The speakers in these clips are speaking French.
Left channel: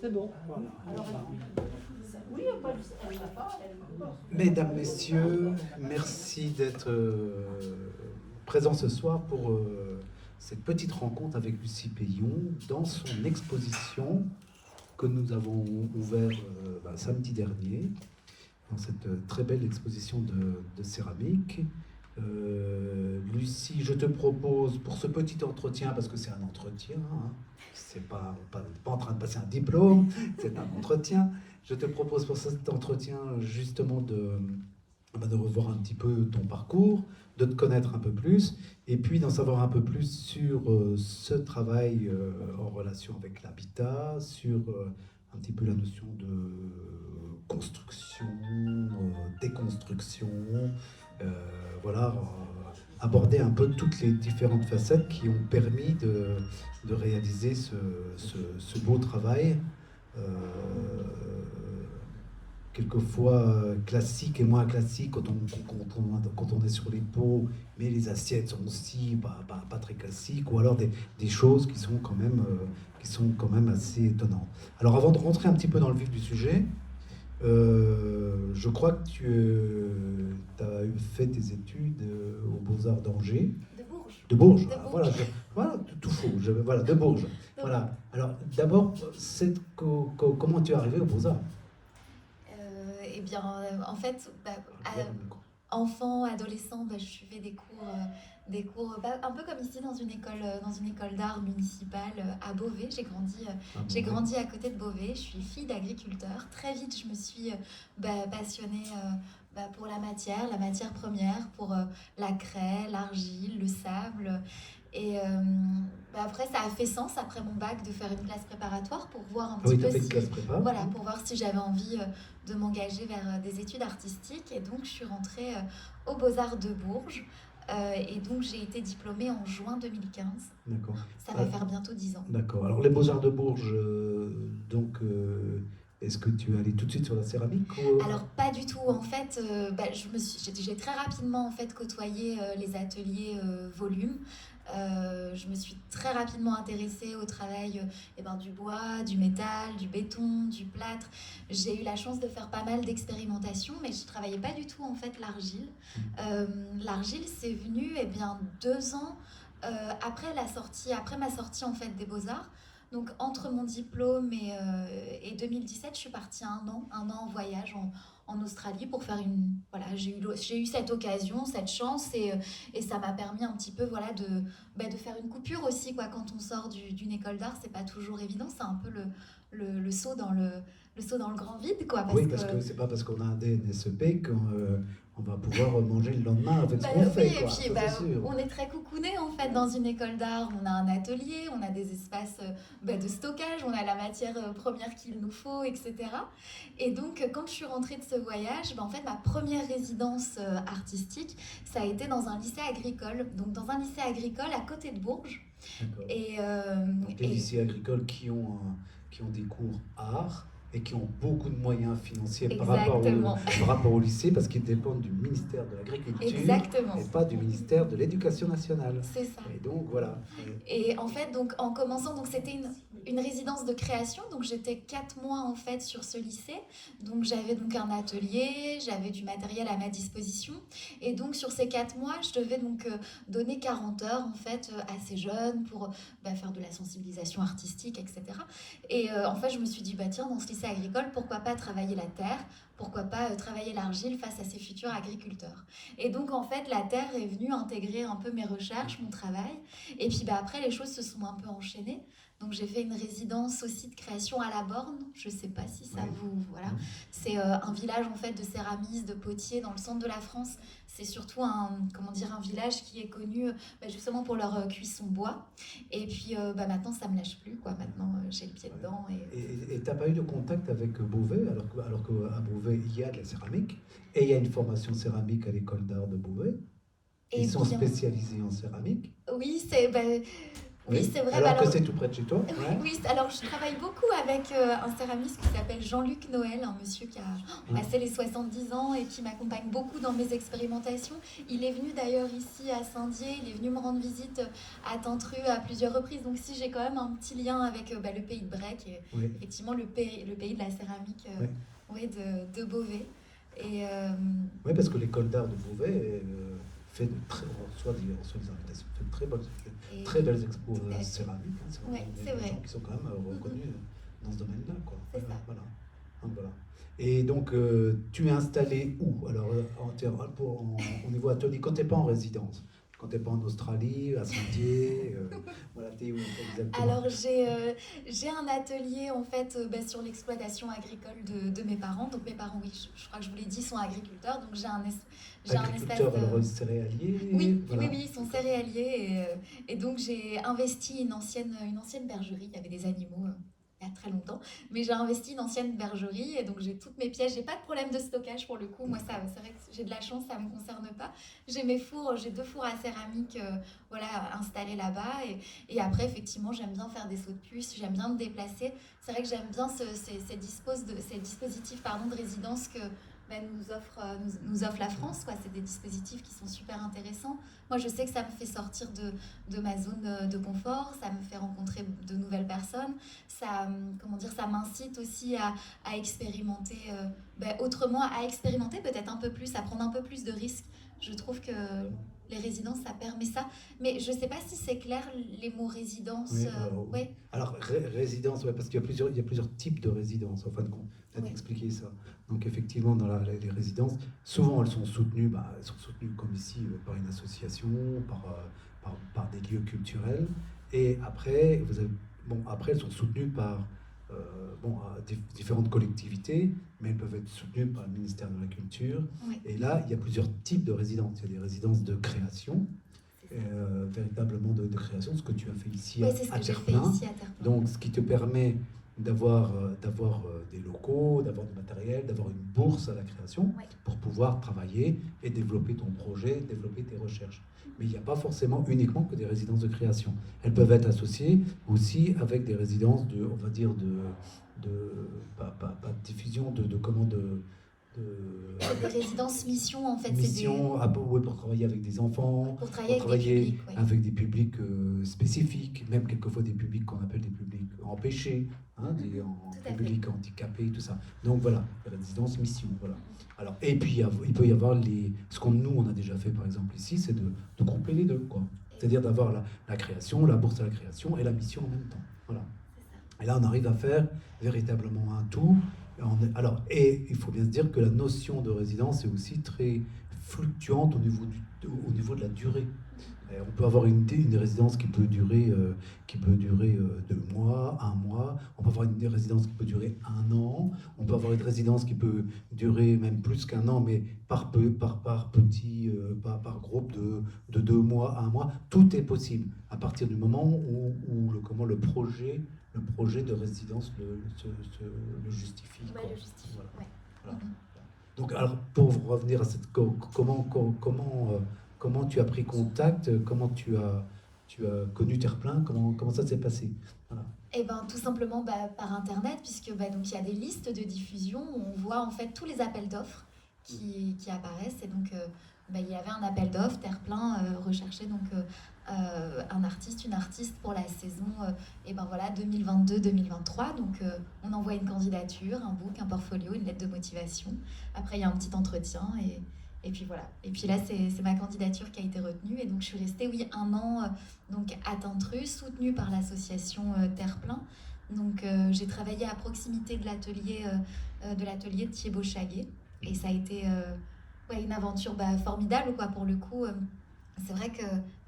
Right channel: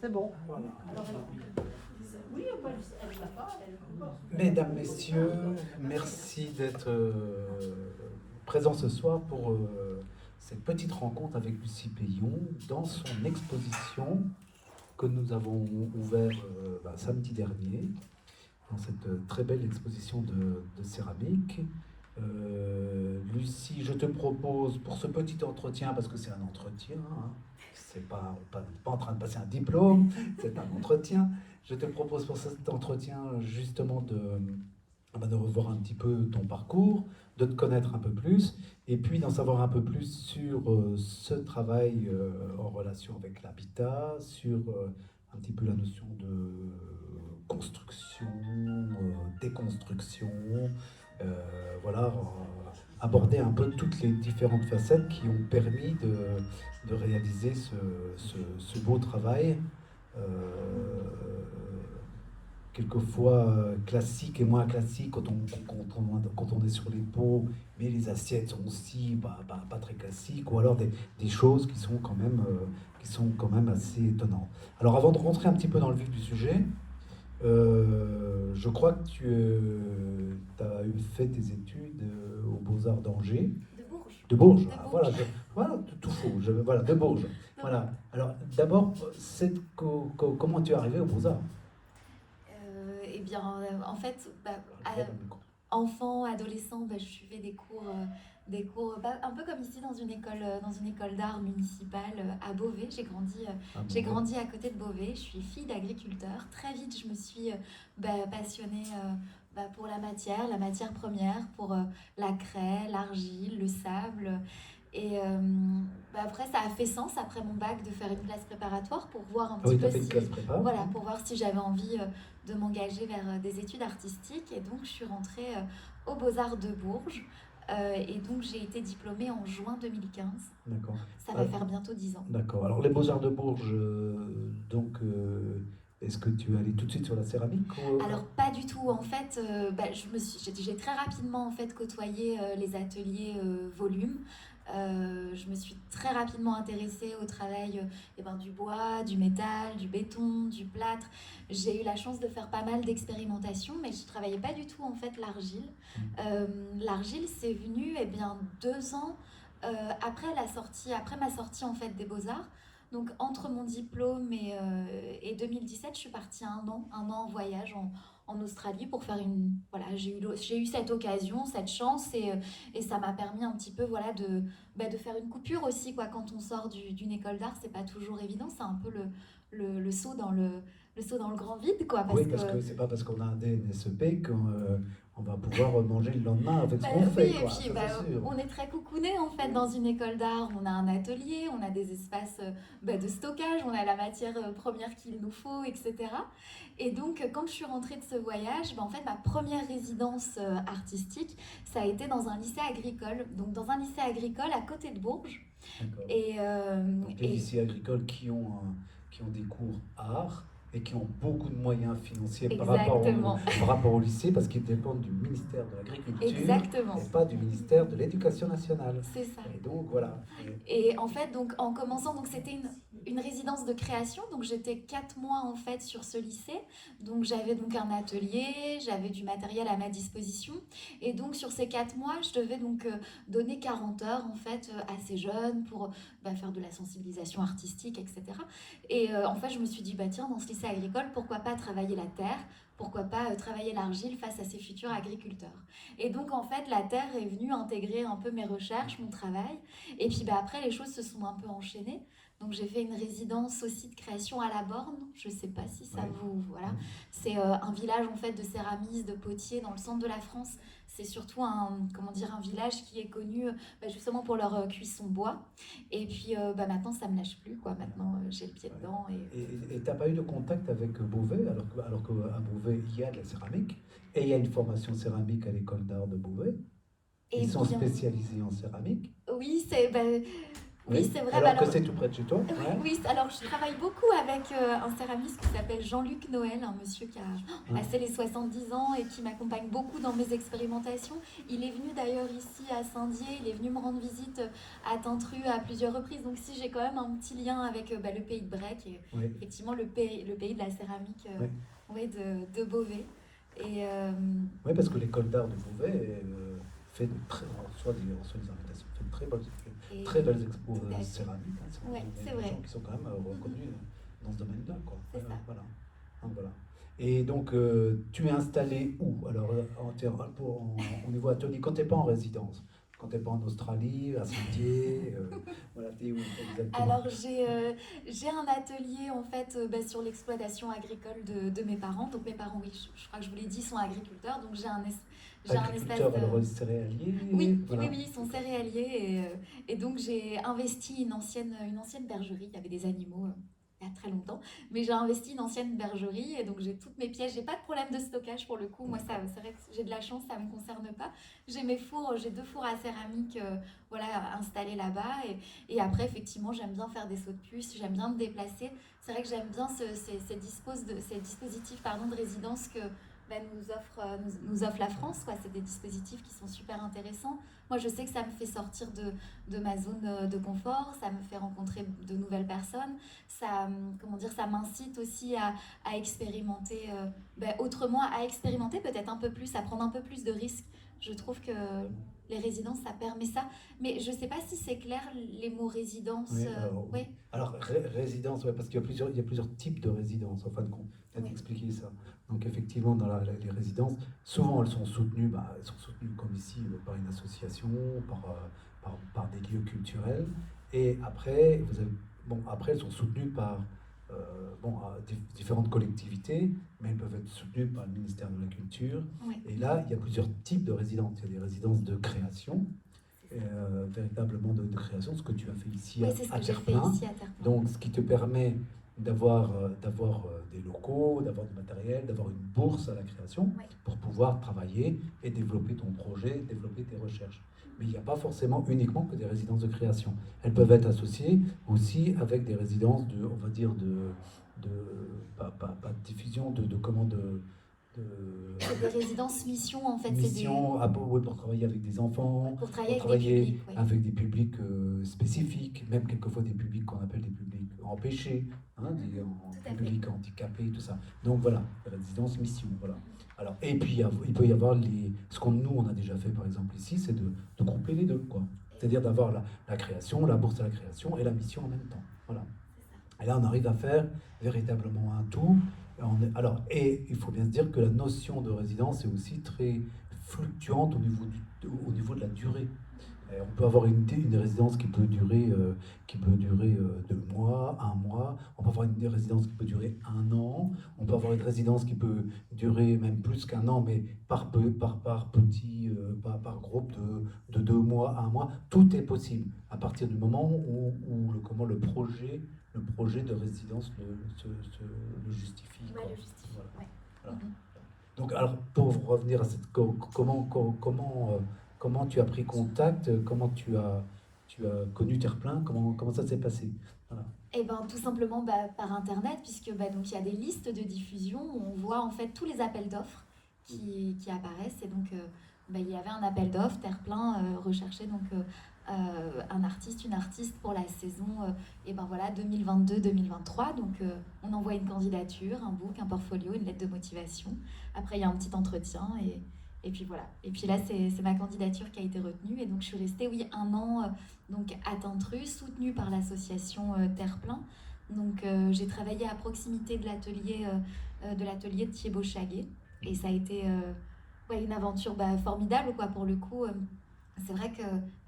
C'est bon. Voilà. Oui, elle l'a pas, elle peut pas. Mesdames, Messieurs, merci d'être présents ce soir pour cette petite rencontre avec Lucie Payon dans son exposition que nous avons ouverte samedi dernier, dans cette très belle exposition de céramique. Lucie, je te propose pour ce petit entretien, parce que c'est un entretien, hein, c'est pas en train de passer un diplôme, c'est un entretien. Je te propose pour cet entretien justement de revoir un petit peu ton parcours, de te connaître un peu plus, et puis d'en savoir un peu plus sur ce travail en relation avec l'habitat, sur un petit peu la notion de construction, déconstruction, voilà, aborder un peu toutes les différentes facettes qui ont permis de réaliser ce beau travail. Quelquefois classique et moins classique quand on est sur les pots, mais les assiettes sont aussi pas très classiques, ou alors des choses qui sont quand même assez étonnantes. Alors avant de rentrer un petit peu dans le vif du sujet, je crois que tu as fait tes études aux Beaux-Arts d'Angers. De Bourges. De Bourges, De ah, Bourges. voilà, tout faux. Voilà, de Bourges. Voilà. Alors d'abord, comment tu es arrivé aux Beaux-Arts? Eh bien, en fait, enfant, adolescent, je suivais des cours un peu comme ici dans une école d'art municipale à Beauvais. J'ai grandi à côté de Beauvais. Je suis fille d'agriculteur. Très vite, je me suis passionnée pour la matière première, pour la craie, l'argile, le sable. Et après, ça a fait sens après mon bac de faire une classe préparatoire pour voir un petit peu fait une classe prépa. voilà, pour voir si j'avais envie de m'engager vers des études artistiques. Et donc, je suis rentrée aux Beaux-Arts de Bourges. Et donc, j'ai été diplômée en juin 2015. D'accord. Ça va faire bientôt 10 ans. D'accord. Alors, les Beaux-Arts de Bourges, est-ce que tu es allé tout de suite sur la céramique ou... Alors pas du tout. En fait, j'ai très rapidement en fait côtoyé les ateliers volume. Je me suis très rapidement intéressée au travail du bois, du métal, du béton, du plâtre. J'ai eu la chance de faire pas mal d'expérimentations, mais je travaillais pas du tout en fait l'argile. L'argile, c'est venu 2 ans après ma sortie en fait des Beaux-Arts. Donc entre mon diplôme et 2017, je suis partie un an en voyage en Australie pour faire j'ai eu cette occasion, cette chance et ça m'a permis un petit peu de faire une coupure aussi quoi. Quand on sort d'une école d'art, c'est pas toujours évident, c'est un peu le saut dans le grand vide quoi. Parce que c'est pas parce qu'on a un DNSEP qu'on va pouvoir manger le lendemain avec ce qu'on fait. Oui, quoi. Et puis on est très coucouné en fait dans une école d'art. On a un atelier, on a des espaces de stockage, on a la matière première qu'il nous faut, etc. Et donc quand je suis rentrée de ce voyage, en fait ma première résidence artistique, ça a été dans un lycée agricole. Donc dans un lycée agricole à côté de Bourges. Et les lycées agricoles qui ont des cours art et qui ont beaucoup de moyens financiers par rapport au lycée, parce qu'ils dépendent du ministère de l'Agriculture et pas du ministère de l'Éducation nationale. C'est ça. Et donc voilà. Et en fait, donc en commençant, donc c'était une résidence de création, donc j'étais 4 mois en fait sur ce lycée, donc j'avais donc un atelier, j'avais du matériel à ma disposition, et donc sur ces 4 mois, je devais donc donner 40 heures en fait à ces jeunes pour faire de la sensibilisation artistique, etc. Et en fait, je me suis dit, tiens, dans ce lycée agricole, pourquoi pas travailler la terre, pourquoi pas travailler l'argile face à ces futurs agriculteurs. Et donc en fait, la terre est venue intégrer un peu mes recherches, mon travail, et puis après, les choses se sont un peu enchaînées. Donc j'ai fait une résidence aussi de création à La Borne. Je sais pas si ça vous... Voilà. C'est un village en fait de céramistes, de potiers dans le centre de la France. C'est surtout un village qui est connu justement pour leur cuisson bois. Et puis maintenant, ça me lâche plus, quoi. Maintenant, j'ai le pied dedans. Et t'as pas eu de contact avec Beauvais, alors qu'à Beauvais, il y a de la céramique, et il y a une formation céramique à l'école d'art de Beauvais. Ils sont spécialisés en céramique. Oui, Oui, c'est vrai. Alors bah que c'est tout près de chez toi. Oui, Ouais. oui, alors je travaille beaucoup avec un céramiste qui s'appelle Jean-Luc Noël, un monsieur qui a passé les 70 ans et qui m'accompagne beaucoup dans mes expérimentations. Il est venu d'ailleurs ici à Saint-Dié, il est venu me rendre visite à Tintru à plusieurs reprises. Donc si j'ai quand même un petit lien avec le pays de Brec et Oui. effectivement le pays de la céramique Oui. ouais, de Beauvais. Et Oui, parce que l'école d'art de Beauvais fait de très, on reçoit des invitations, fait de très belles expos tout à fait. céramiques. Hein, c'est Ouais, des c'est vrai. gens qui sont quand même reconnus dans ce domaine-là. Quoi. C'est ça. Voilà. Donc, voilà. Et donc, tu es installé où? Alors, au niveau atelier, quand tu n'es pas en résidence, quand tu n'es pas en Australie, à Saint-Dié, voilà, tu es où exactement? Alors j'ai un atelier en fait sur l'exploitation agricole de mes parents. Donc mes parents, oui, je crois que je vous l'ai dit, sont agriculteurs. Donc j'ai un espace. Agriculteur, alors céréalier, Oui, voilà. oui, oui, ils sont céréaliers et donc j'ai investi une ancienne bergerie. Il y avait des animaux il y a très longtemps, mais j'ai investi une ancienne bergerie et donc j'ai toutes mes pièces. J'ai pas de problème de stockage pour le coup. Moi, ça, c'est vrai que j'ai de la chance, ça me concerne pas. J'ai mes fours, j'ai 2 fours à céramique, voilà, installés là-bas et après effectivement j'aime bien faire des sauts de puce, j'aime bien me déplacer. C'est vrai que j'aime bien ces dispositifs de résidence que nous offre la France, quoi. C'est des dispositifs qui sont super intéressants. Moi, je sais que ça me fait sortir de ma zone de confort, ça me fait rencontrer de nouvelles personnes, ça, ça m'incite aussi à expérimenter autrement, à expérimenter peut-être un peu plus, à prendre un peu plus de risques. Je trouve que les résidences, ça permet ça. Mais je ne sais pas si c'est clair, les mots résidence. Oui, Ouais. alors résidence, ouais, parce qu'il y a plusieurs types de résidences, en fin de compte. Tu as Oui. expliqué ça. Donc effectivement, dans les résidences, souvent elles sont soutenues, comme ici, par une association, par des lieux culturels. Et après, après elles sont soutenues par différentes collectivités, mais elles peuvent être soutenues par le ministère de la Culture. Ouais. Et là, il y a plusieurs types de résidences. Il y a des résidences de création, véritablement de création, ce que tu as fait ici à Terre-Plein. Donc, ce qui te permet d'avoir des locaux, d'avoir du matériel, d'avoir une bourse à la création pour pouvoir travailler et développer ton projet, développer tes recherches. Mais il n'y a pas forcément uniquement que des résidences de création. Elles peuvent être associées aussi avec des résidences on va dire, pas de diffusion, des résidences mission en fait. Mission pour travailler avec des enfants, pour travailler avec des publics spécifiques, même quelquefois des publics qu'on appelle des publics empêchés, des publics handicapés, tout ça. Donc voilà, résidence mission. Voilà. Alors, et puis il peut y avoir ce qu'on nous on a déjà fait par exemple ici, c'est de grouper les deux, quoi. C'est-à-dire d'avoir la création, la bourse à la création et la mission en même temps. Voilà. Et là on arrive à faire véritablement un tout. Alors, et il faut bien se dire que la notion de résidence est aussi très fluctuante au niveau de la durée. On peut avoir une résidence qui peut durer 2 mois, 1 mois. On peut avoir une résidence qui peut durer 1 an. On peut avoir une résidence qui peut durer même plus qu'1 an, mais par groupe de 2 mois, 1 mois. Tout est possible à partir du moment où le projet de résidence le justifie. Ouais, le justifie. Voilà. Ouais. Voilà. Donc, alors, pour revenir à comment tu as pris contact, comment tu as connu Terre-Plein, comment ça s'est passé? Voilà. Et ben tout simplement par internet, puisque donc il y a des listes de diffusion où on voit en fait tous les appels d'offres qui apparaissent. Et donc il y avait un appel d'offres, Terre-Plein recherchait donc un artiste, une artiste pour la saison 2022-2023. Donc on envoie une candidature, un book, un portfolio, une lettre de motivation. Après il y a un petit entretien et puis voilà. Et puis là, c'est ma candidature qui a été retenue. Et donc, je suis restée, 1 an donc à Tintru, soutenue par l'association Terre-Plein. Donc, j'ai travaillé à proximité de l'atelier de Thibaut Chaguet. Et ça a été une aventure formidable, quoi, pour le coup. C'est vrai que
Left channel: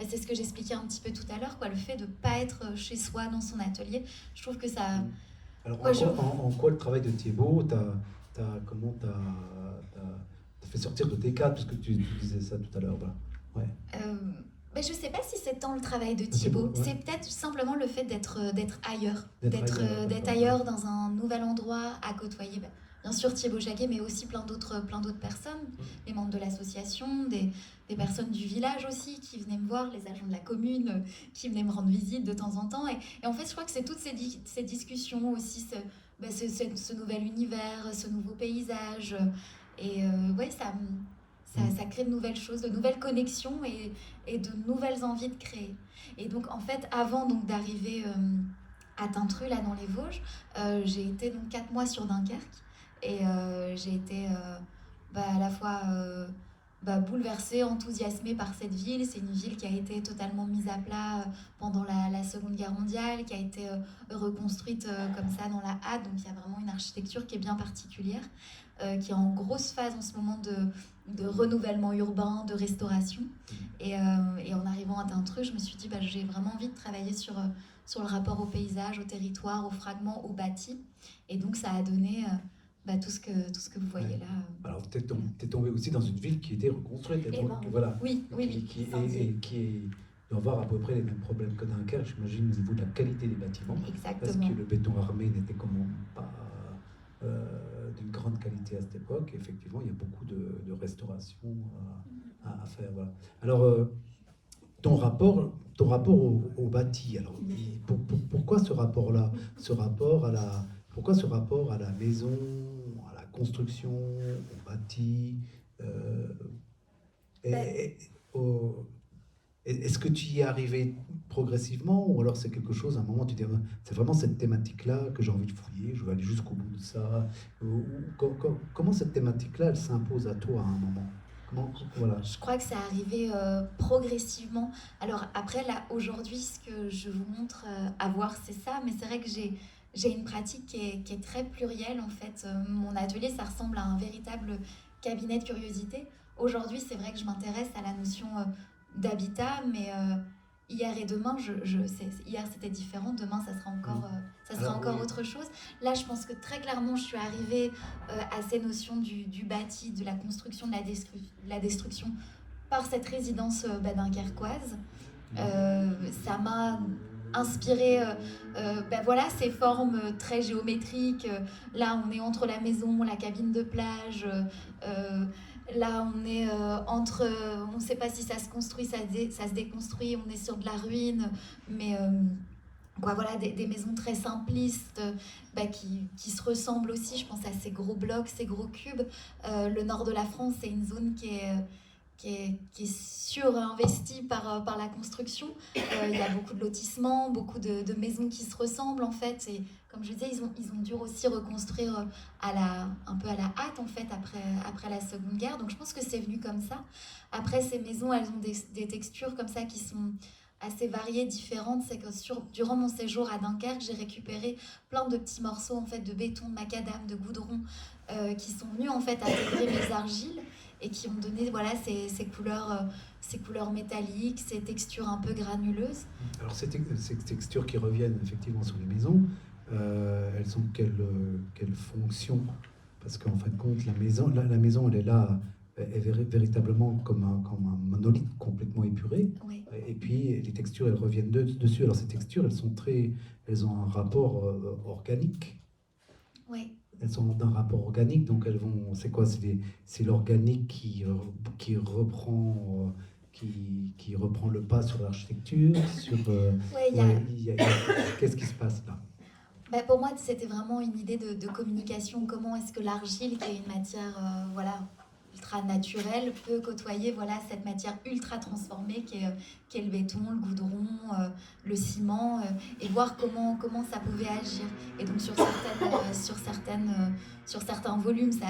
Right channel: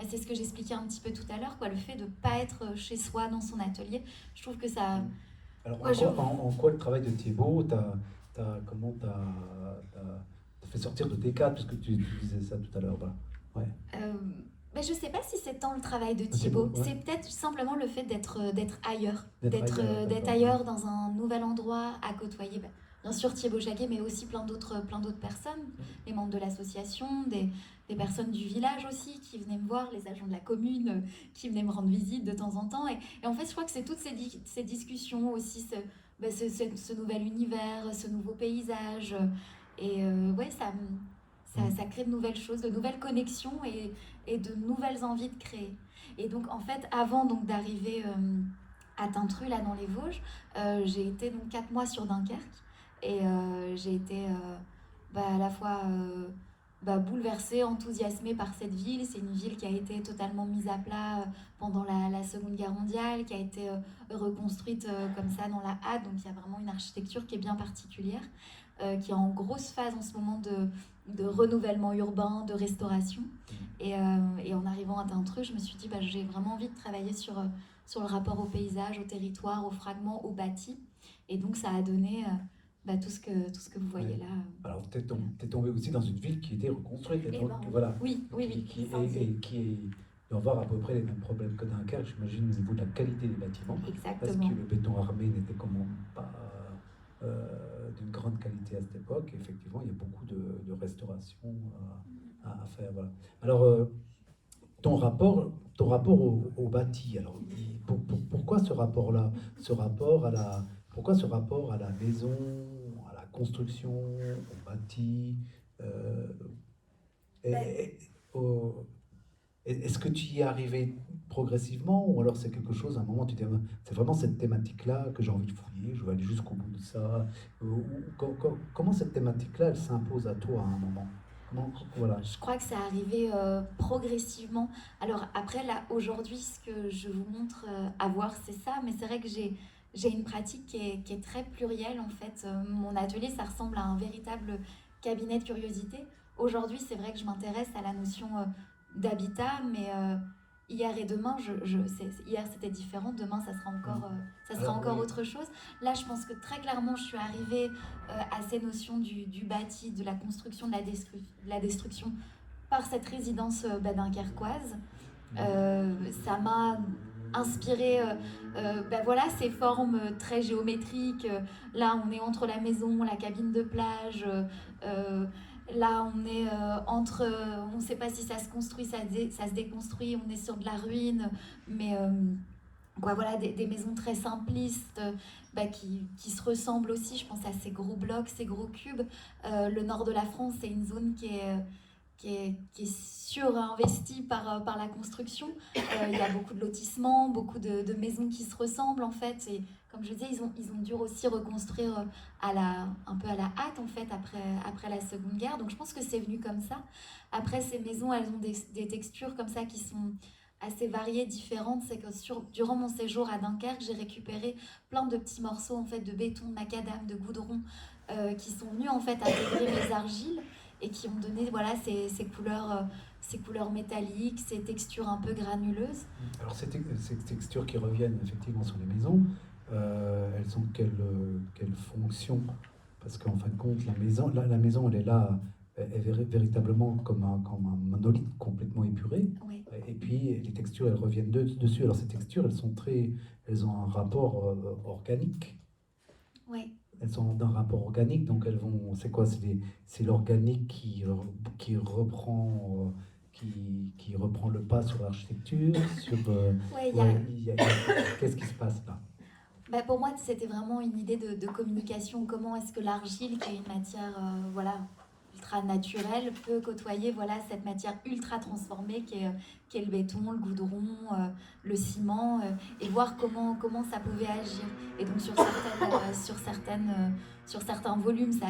c'est ce que j'expliquais un petit peu tout à l'heure, quoi, le fait de ne pas être chez soi dans son atelier. Je trouve que ça... Alors, en quoi le travail de Thibaut comment t'as fait sortir de tes cadres, parce que tu disais ça tout à l'heure. Ouais. Je ne sais pas si c'est tant le travail de Thibaut, c'est peut-être simplement le fait d'être ailleurs, d'être ailleurs dans un nouvel endroit, à côtoyer bien sûr Thibaut Jacquet, mais aussi plein d'autres personnes, les membres de l'association, des personnes du village aussi qui venaient me voir, les agents de la commune qui venaient me rendre visite de temps en temps. Et en fait, je crois que c'est toutes ces discussions aussi, ce nouvel univers, ce nouveau paysage. Et ouais, ça crée de nouvelles choses, de nouvelles connexions et de nouvelles envies de créer. Et donc, en fait, avant donc, d'arriver à Tintru, là, dans les Vosges, j'ai été donc 4 mois sur Dunkerque. Et j'ai été à la fois bouleversée, enthousiasmée par cette ville. C'est une ville qui a été totalement mise à plat pendant la Seconde Guerre mondiale, qui a été reconstruite comme ça dans la hâte. Donc il y a vraiment une architecture qui est bien particulière, qui est en grosse phase en ce moment de renouvellement urbain, de restauration. Et en arrivant à Tintru, je me suis dit, j'ai vraiment envie de travailler sur le rapport au paysage, au territoire, aux fragments, au bâti. Et donc ça a donné tout ce que vous voyez là. Alors t'es tombé aussi dans une ville qui était reconstruite. Et voilà. oui. Qui doit avoir à peu près les mêmes problèmes que Dunkerque, j'imagine, au niveau de la qualité des bâtiments. Exactement. Parce que le béton armé n'était quand même pas d'une grande qualité à cette époque. Et effectivement, il y a beaucoup de restauration à faire. Voilà. Alors, ton rapport au bâti, alors, pourquoi ce rapport-là, pourquoi ce rapport à la maison, à la construction, au bâti, est-ce que tu y es arrivé progressivement, ou alors c'est quelque chose, à un moment tu dis, c'est vraiment cette thématique-là que j'ai envie de fouiller, je vais aller jusqu'au bout de ça. Comment cette thématique-là, elle s'impose à toi à un moment? Voilà. Je crois que c'est arrivé progressivement. Alors après, là, aujourd'hui, ce que je vous montre à voir, c'est ça. Mais c'est vrai que j'ai une pratique qui est très plurielle, en fait. Mon atelier, ça ressemble à un véritable cabinet de curiosité. Aujourd'hui, c'est vrai que je m'intéresse à la notion d'habitat, mais hier et demain, hier c'était différent, demain ça sera encore autre chose. Là, je pense que très clairement, je suis arrivée à ces notions du bâti, de la construction, de la destruction par cette résidence dunkerquoise. Ça m'a inspiré voilà, ces formes très géométriques. Là, on est entre la maison, la cabine de plage. Là, on est entre... on ne sait pas si ça se construit, ça se déconstruit. On est sur de la ruine. Mais voilà, des maisons très simplistes qui se ressemblent aussi. Je pense à ces gros blocs, ces gros cubes. Le nord de la France, c'est une zone qui est surinvestie par la construction. Il y a beaucoup de lotissements, beaucoup de maisons qui se ressemblent en fait. Et comme je disais, ils ont dû aussi reconstruire un peu à la hâte en fait après la Seconde Guerre. Donc je pense que c'est venu comme ça. Après, ces maisons, elles ont des textures comme ça qui sont assez variées, différentes. C'est que durant mon séjour à Dunkerque, j'ai récupéré plein de petits morceaux en fait de béton, de macadam, de goudron qui sont venus en fait intégrer mes argiles et qui ont donné voilà, ces couleurs métalliques, ces textures un peu granuleuses. Alors ces textures qui reviennent effectivement sur les maisons, elles ont quelle fonction? Parce qu'en fin de compte, la maison, elle est là, est véritablement comme un monolithe complètement épuré. Oui. Et puis les textures, elles reviennent dessus. Alors ces textures, elles ont un rapport organique. Oui. Elles sont d'un rapport organique, donc elles vont. C'est quoi? C'est l'organique qui reprend. Qui reprend le pas sur l'architecture, qu'est-ce qui se passe là? Pour moi, c'était vraiment une idée de communication. Comment est-ce que l'argile, qui est une matière ultra naturelle, peut côtoyer cette matière ultra transformée qui est le béton, le goudron, le ciment, et voir comment ça pouvait agir. Et donc sur certains volumes, ça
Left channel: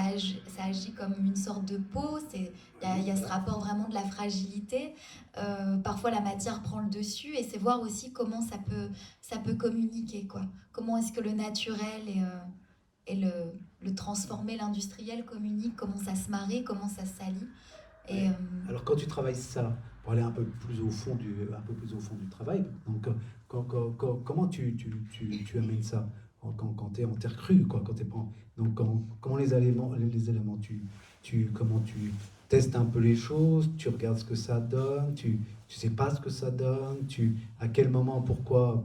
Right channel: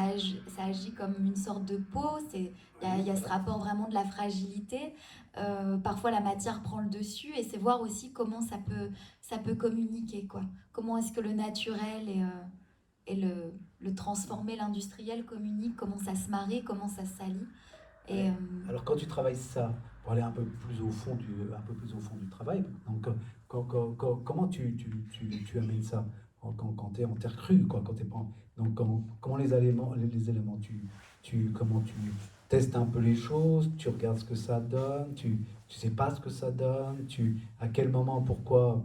agit comme une sorte de peau. Il y a ce rapport vraiment de la fragilité. Parfois, la matière prend le dessus, et c'est voir aussi comment ça peut communiquer, quoi. Comment est-ce que le naturel et le transformé, l'industriel communiquent, comment ça se marie, comment ça se salit. Et, alors quand tu travailles ça, pour aller un peu plus au fond du travail, donc comment tu amènes ça quand tu es en terre crue, quoi, quand t'es pas donc comment les éléments comment tu testes un peu les choses, tu regardes ce que ça donne, tu sais pas ce que ça donne, à quel moment, pourquoi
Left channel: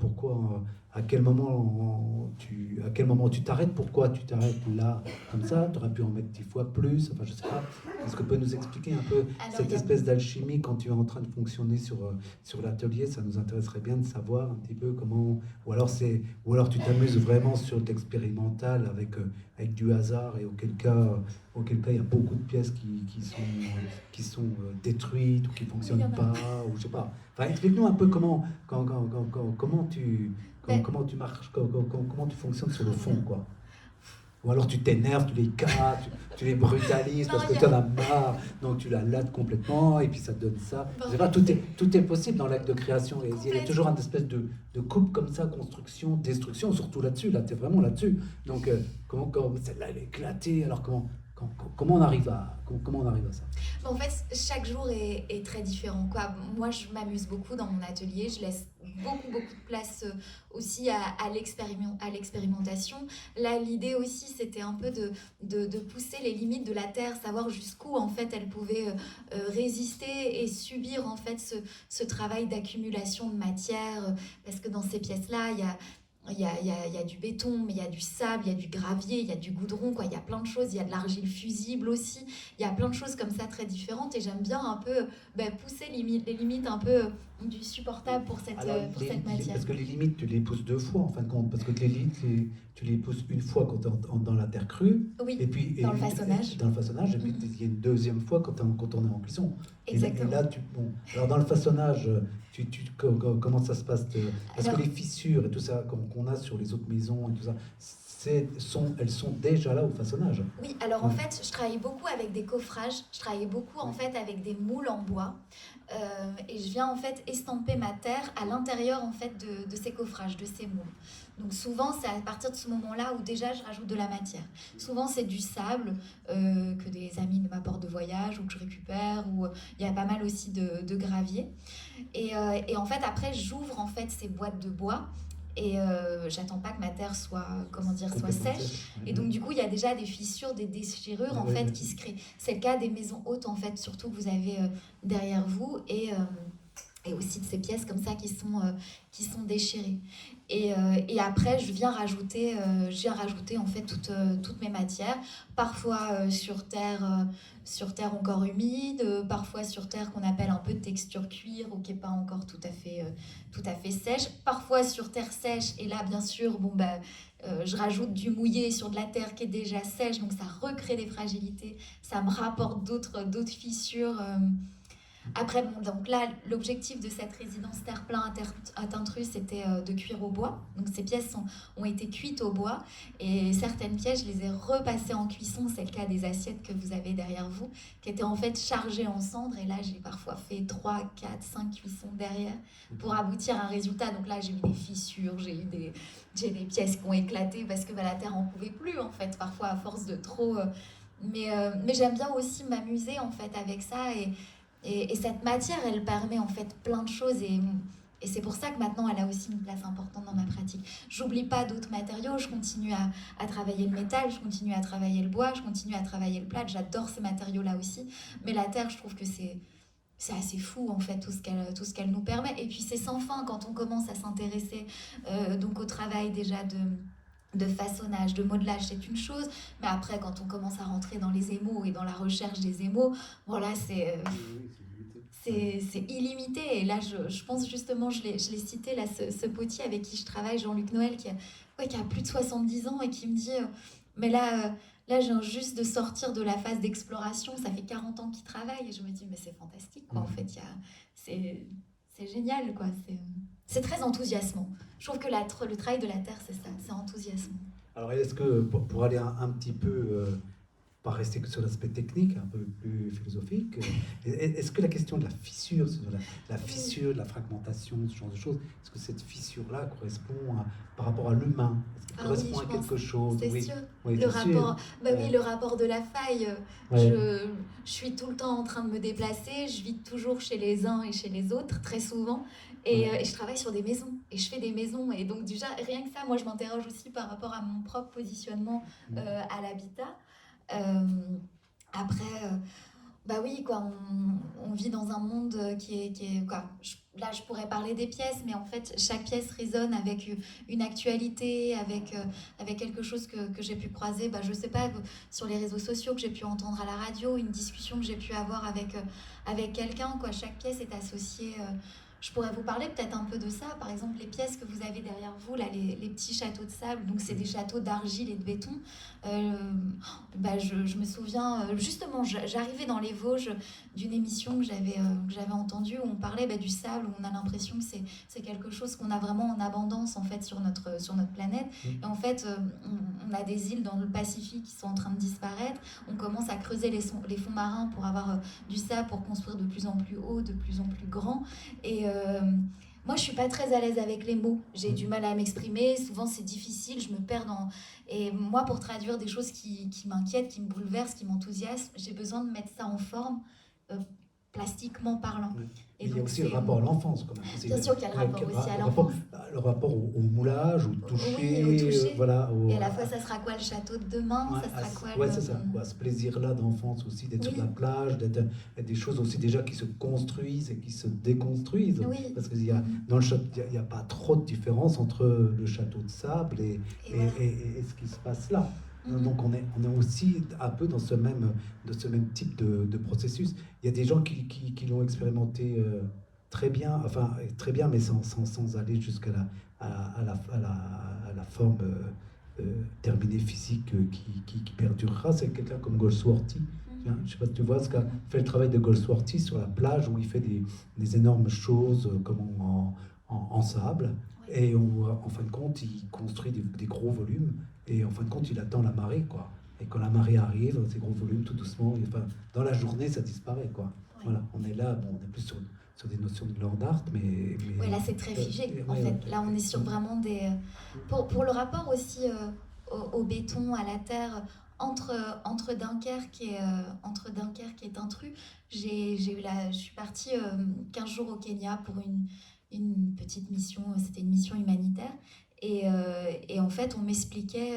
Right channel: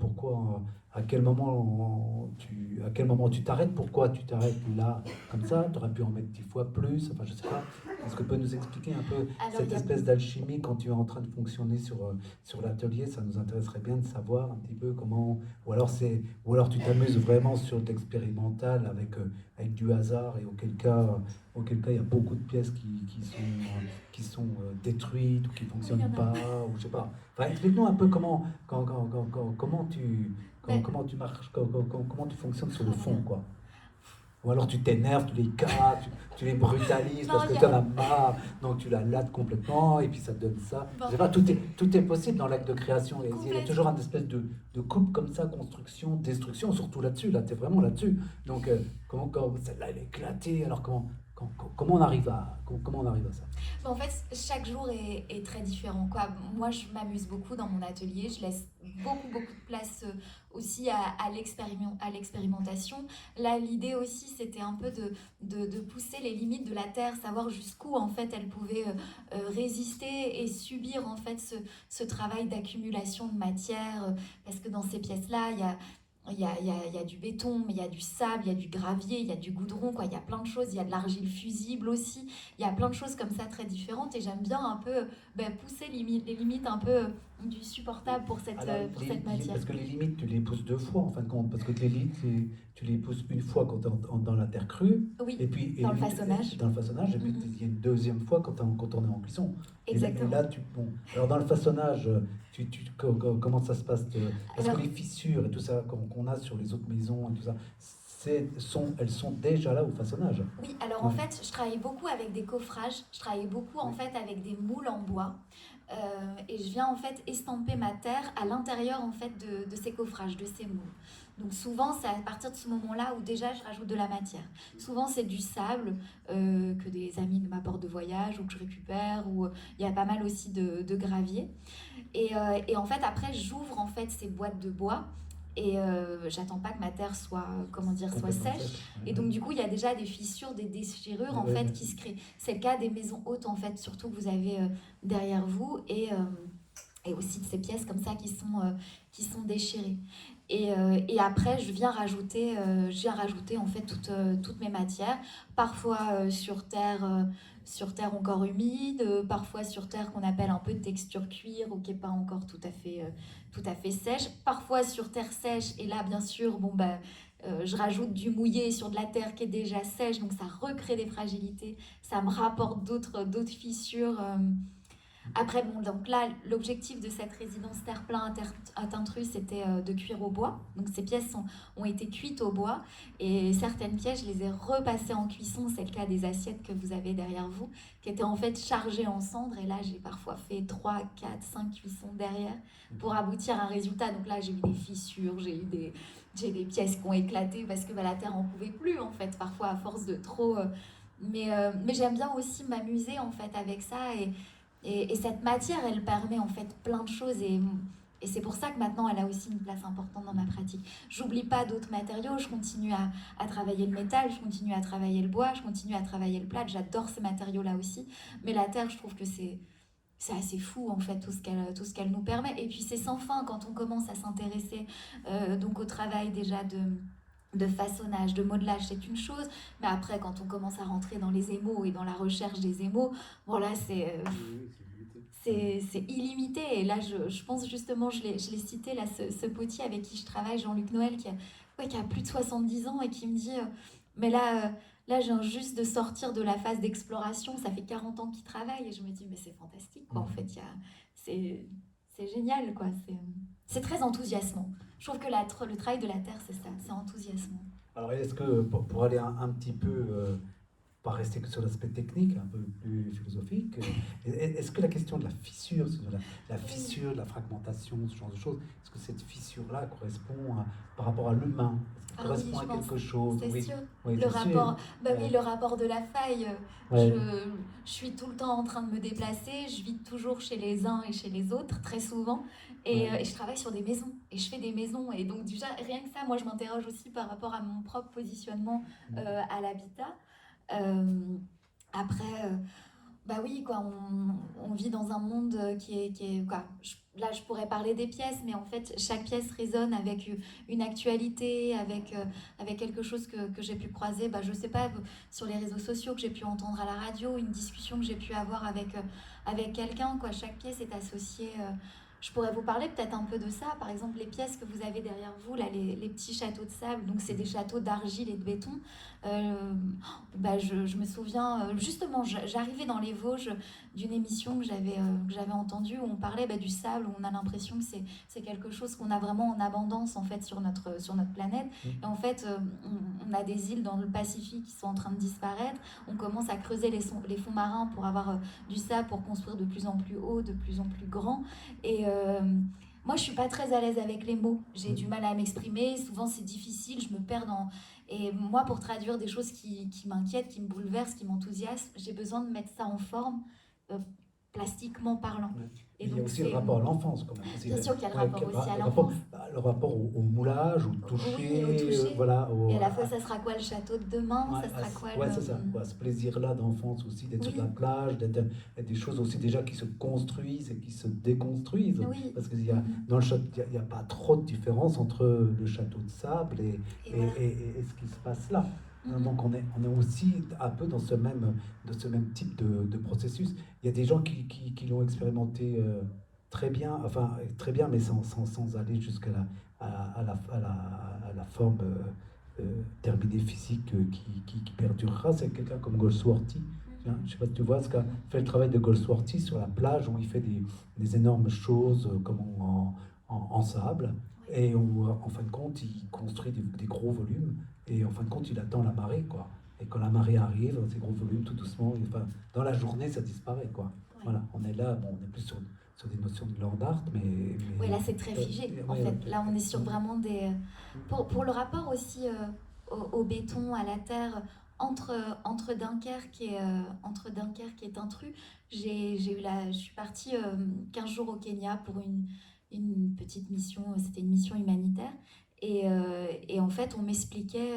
à quel moment tu t'arrêtes, pourquoi tu t'arrêtes là, comme ça, tu aurais pu en mettre 10 fois plus, enfin je sais pas. Est-ce que tu peux nous expliquer un peu Alors, cette espèce d'alchimie quand tu es en train de fonctionner sur l'atelier? Ça nous intéresserait bien de savoir un petit peu comment, ou alors tu t'amuses vraiment sur l'expérimental avec du hasard et auquel cas il y a beaucoup de pièces qui sont détruites ou qui ne il y fonctionnent en a. pas, ou je sais pas. Enfin, explique-nous un peu Ben, comment tu marches, comment tu fonctionnes sur le oh là là. fond, quoi. Ou alors tu t'énerves, tu les casses, tu les brutalises Non, parce que tu en as marre, donc tu la lattes complètement et puis ça te donne ça. ben, Je en sais pas, fait, tout est possible dans l'acte de création. Et il y a toujours complètement. une espèce de coupe comme ça, construction, destruction, surtout là-dessus. Là, tu es vraiment là-dessus. Donc, celle-là, elle est éclatée. Alors, comment on arrive à ça? Bon, en fait, chaque jour est très différent, quoi. Moi, je m'amuse beaucoup dans mon atelier. Je laisse beaucoup, beaucoup de place aussi à l'expérimentation. Là, l'idée aussi, c'était un peu de pousser les limites de la Terre, savoir jusqu'où, en fait, elle pouvait résister et subir, en fait, ce travail d'accumulation de matière. Parce que dans ces pièces-là, il y a du béton, mais il y a du sable, il y a du gravier, il y a du goudron, quoi. Il y a plein de choses. Il y a de l'argile fusible aussi. Il y a plein de choses comme ça très différentes et j'aime bien un peu pousser les limites un peu du supportable Alors, pour cette matière. parce que les limites, tu les pousses deux fois en fin de compte. Parce que les limites, tu les pousses une fois quand tu es dans la terre crue, Oui, et puis dans le façonnage. dans le façonnage, et puis Mhm. il y a une deuxième fois quand on est en cuisson. Et Exactement. là, bon. Alors, dans le façonnage, comment ça se passe parce que Alors, les fissures et tout ça qu'on a sur les autres maisons et tout ça, elles sont déjà là au façonnage. oui, alors en Ouais. fait, je travaille beaucoup avec des coffrages, je travaille beaucoup en Oui. fait avec des moules en bois et je viens en fait estamper ma terre à l'intérieur en fait de ces coffrages, de ces moules. Donc souvent, c'est à partir de ce moment-là où déjà je rajoute de la matière. Souvent, c'est du sable que des amis m'apportent de voyage ou que je récupère, ou il y a pas mal aussi de gravier. Et en fait, après, j'ouvre en fait ces boîtes de bois. Et j'attends pas que ma terre soit, comment dire, soit Complètement sèche. sèche. Et donc du coup, il y a déjà des fissures, des déchirures en Oui, fait oui. qui se créent. C'est le cas des maisons hautes en fait, surtout que vous avez derrière vous et aussi de ces pièces comme ça qui sont déchirées. Et après, je viens rajouter en fait toutes mes matières, parfois sur terre encore humide, parfois sur terre qu'on appelle un peu de texture cuir ou qui n'est pas encore tout à fait sèche, parfois sur terre sèche. Et là, bien sûr, bon bah je rajoute du mouillé sur de la terre qui est déjà sèche, donc ça recrée des fragilités, ça me rapporte d'autres fissures. Après, bon, donc là, l'objectif de cette résidence terre-plein à Tintrus, c'était de cuire au bois. Donc ces pièces ont été cuites au bois et certaines pièces, je les ai repassées en cuisson. C'est le cas des assiettes que vous avez derrière vous, qui étaient en fait chargées en cendres. Et là, j'ai parfois fait 3, 4, 5 cuissons derrière pour aboutir à un résultat. Donc là, j'ai eu des fissures, j'ai des pièces qui ont éclaté parce que la terre en pouvait plus, en fait, parfois à force de trop. Mais j'aime bien aussi m'amuser en fait avec ça et cette matière, elle permet en fait plein de choses et c'est pour ça que maintenant elle a aussi une place importante dans ma pratique. J'oublie pas d'autres matériaux, je continue à travailler le métal, je continue à travailler le bois, je continue à travailler le plâtre, j'adore ces matériaux-là aussi. Mais la terre, je trouve que c'est assez fou en fait tout ce qu'elle nous permet. Et puis c'est sans fin quand on commence à s'intéresser donc au travail déjà de façonnage, de modelage, c'est une chose, mais après, quand on commence à rentrer dans les émaux et dans la recherche des émaux, bon là, c'est illimité. Et là, je pense justement, je l'ai cité, là, ce potier avec qui je travaille, Jean-Luc Noël, qui a plus de 70 ans et qui me dit mais là, je viens juste de sortir de la phase d'exploration, ça fait 40 ans qu'il travaille. Et je me dis, mais c'est fantastique, quoi. En fait, c'est génial, quoi. C'est très enthousiasmant. Je trouve que le travail de la terre, c'est ça, c'est enthousiasmant. Alors, est-ce que pour aller un petit peu pas rester que sur l'aspect technique, un peu plus philosophique. Est-ce que la question de la fissure, la fissure, de la fragmentation, ce genre de choses, est-ce que cette fissure-là correspond par rapport à l'humain? Est-ce qu'elle Ah oui, correspond je à pense, quelque chose? c'est Oui, sûr. oui, Le c'est sûr. rapport, bah oui, Ouais. le rapport de la faille. Ouais. Je suis tout le temps en train de me déplacer. Je vis toujours chez les uns et chez les autres, très souvent. Et je travaille sur des maisons. Et je fais des maisons. Et donc déjà, rien que ça, moi, je m'interroge aussi par rapport à mon propre positionnement à l'habitat. Euh, après, Bah oui, quoi, on vit dans un monde quoi. Là, je pourrais parler des pièces, mais en fait, chaque pièce résonne avec une actualité, avec quelque chose que j'ai pu croiser, bah, je sais pas, sur les réseaux sociaux, que j'ai pu entendre à la radio, une discussion que j'ai pu avoir avec quelqu'un, quoi. Chaque pièce est associée. Je pourrais vous parler peut-être un peu de ça. Par exemple, les pièces que vous avez derrière vous, là, les petits châteaux de sable, donc c'est des châteaux d'argile et de béton. Euh, Bah, je me souviens, justement, j'arrivais dans les Vosges d'une émission que j'avais entendue où on parlait bah, du sable, où on a l'impression que c'est quelque chose qu'on a vraiment en abondance en fait sur notre planète. Et en fait, on a des îles dans le Pacifique qui sont en train de disparaître. On commence à creuser les fonds marins pour avoir du sable, pour construire de plus en plus haut, de plus en plus grand. Et moi, je suis pas très à l'aise avec les mots. J'ai du mal à m'exprimer. Souvent, c'est difficile. Je me perds dans. Et moi, pour traduire des choses qui m'inquiètent, qui me bouleversent, qui m'enthousiasment, j'ai besoin de mettre ça en forme, euh, plastiquement parlant. Ouais. Et Mais il y a donc, aussi le rapport à l'enfance, quand même. bien sûr qu'il y a le rapport aussi à l'enfance. Le rapport au moulage, au Oui, au toucher, toucher. voilà. Et à la fois, ça sera quoi le château de demain? Ouais, Ça sera quoi ouais, c'est ça, quoi. Ce plaisir-là d'enfance aussi, d'être sur Oui, la plage, d'être des choses aussi déjà qui se construisent et qui se déconstruisent. oui. Parce qu'il y a, dans le château, il n'y a pas trop de différence entre le château de sable Et voilà. et ce qui se passe là. Donc on est aussi un peu dans ce même type de processus. Il y a des gens qui l'ont expérimenté très bien, enfin très bien, mais sans aller jusqu'à la forme terminée physique qui perdurera. C'est quelqu'un comme Goldsworthy. Je ne sais pas si tu vois ce qu'a fait le travail de Goldsworthy sur la plage où il fait des énormes choses comme en sable. Et où, en fin de compte, il construit des gros volumes. Et en fin de compte, il attend la marée, quoi. Et quand la marée arrive, ces gros volumes, tout doucement, enfin, dans la journée, ça disparaît, quoi. Voilà, on est là, bon, on est plus sur des notions de land art, mais Ouais, là c'est très figé en fait. Là on est sur vraiment des. Pour le rapport aussi au béton, à la terre, entre Dunkerque et Tintru, je suis partie 15 jours au Kenya pour une petite mission, c'était une mission humanitaire. Et en fait on m'expliquait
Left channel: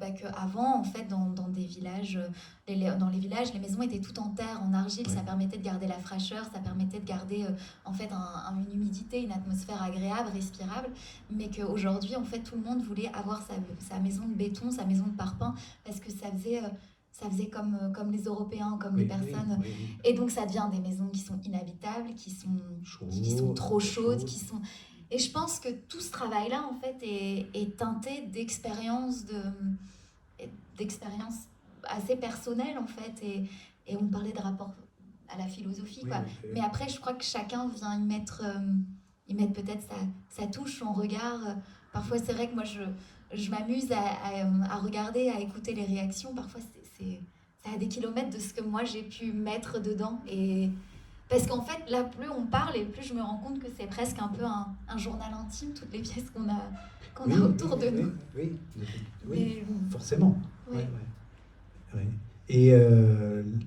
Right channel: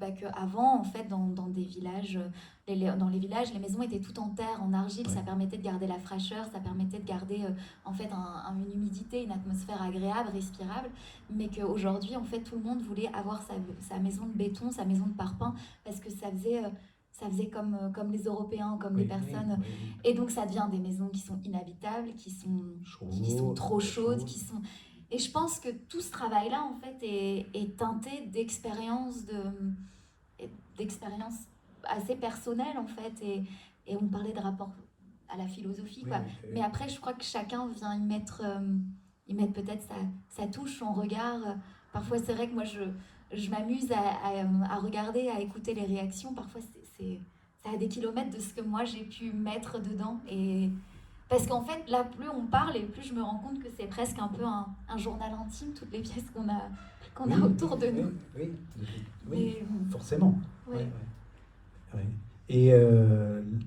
bah, qu'avant, en fait, dans des villages, dans les villages, les maisons étaient toutes en terre, en argile. Ça permettait de garder la fraîcheur, ça permettait de garder en fait une humidité, une atmosphère agréable, respirable. Mais qu'aujourd'hui, en fait, tout le monde voulait avoir sa maison de béton, sa maison de parpaing, parce que ça faisait comme les Européens, comme les personnes. Et donc, ça devient des maisons qui sont inhabitables, qui sont trop chaudes, qui sont. Et je pense que tout ce travail-là, en fait, est teinté d'expériences assez personnelles, en fait. Et on parlait de rapport à la philosophie, quoi. Mais après, je crois que chacun vient y mettre peut-être sa touche, son regard. Parfois, c'est vrai que moi, je m'amuse à regarder, à écouter les réactions. Parfois, ça a des kilomètres de ce que moi, j'ai pu mettre dedans. Parce qu'en fait, là, plus on parle et plus je me rends compte que c'est presque un peu un journal intime, toutes les pièces qu'on a autour de nous. Oui, forcément. Oui. Ouais. Et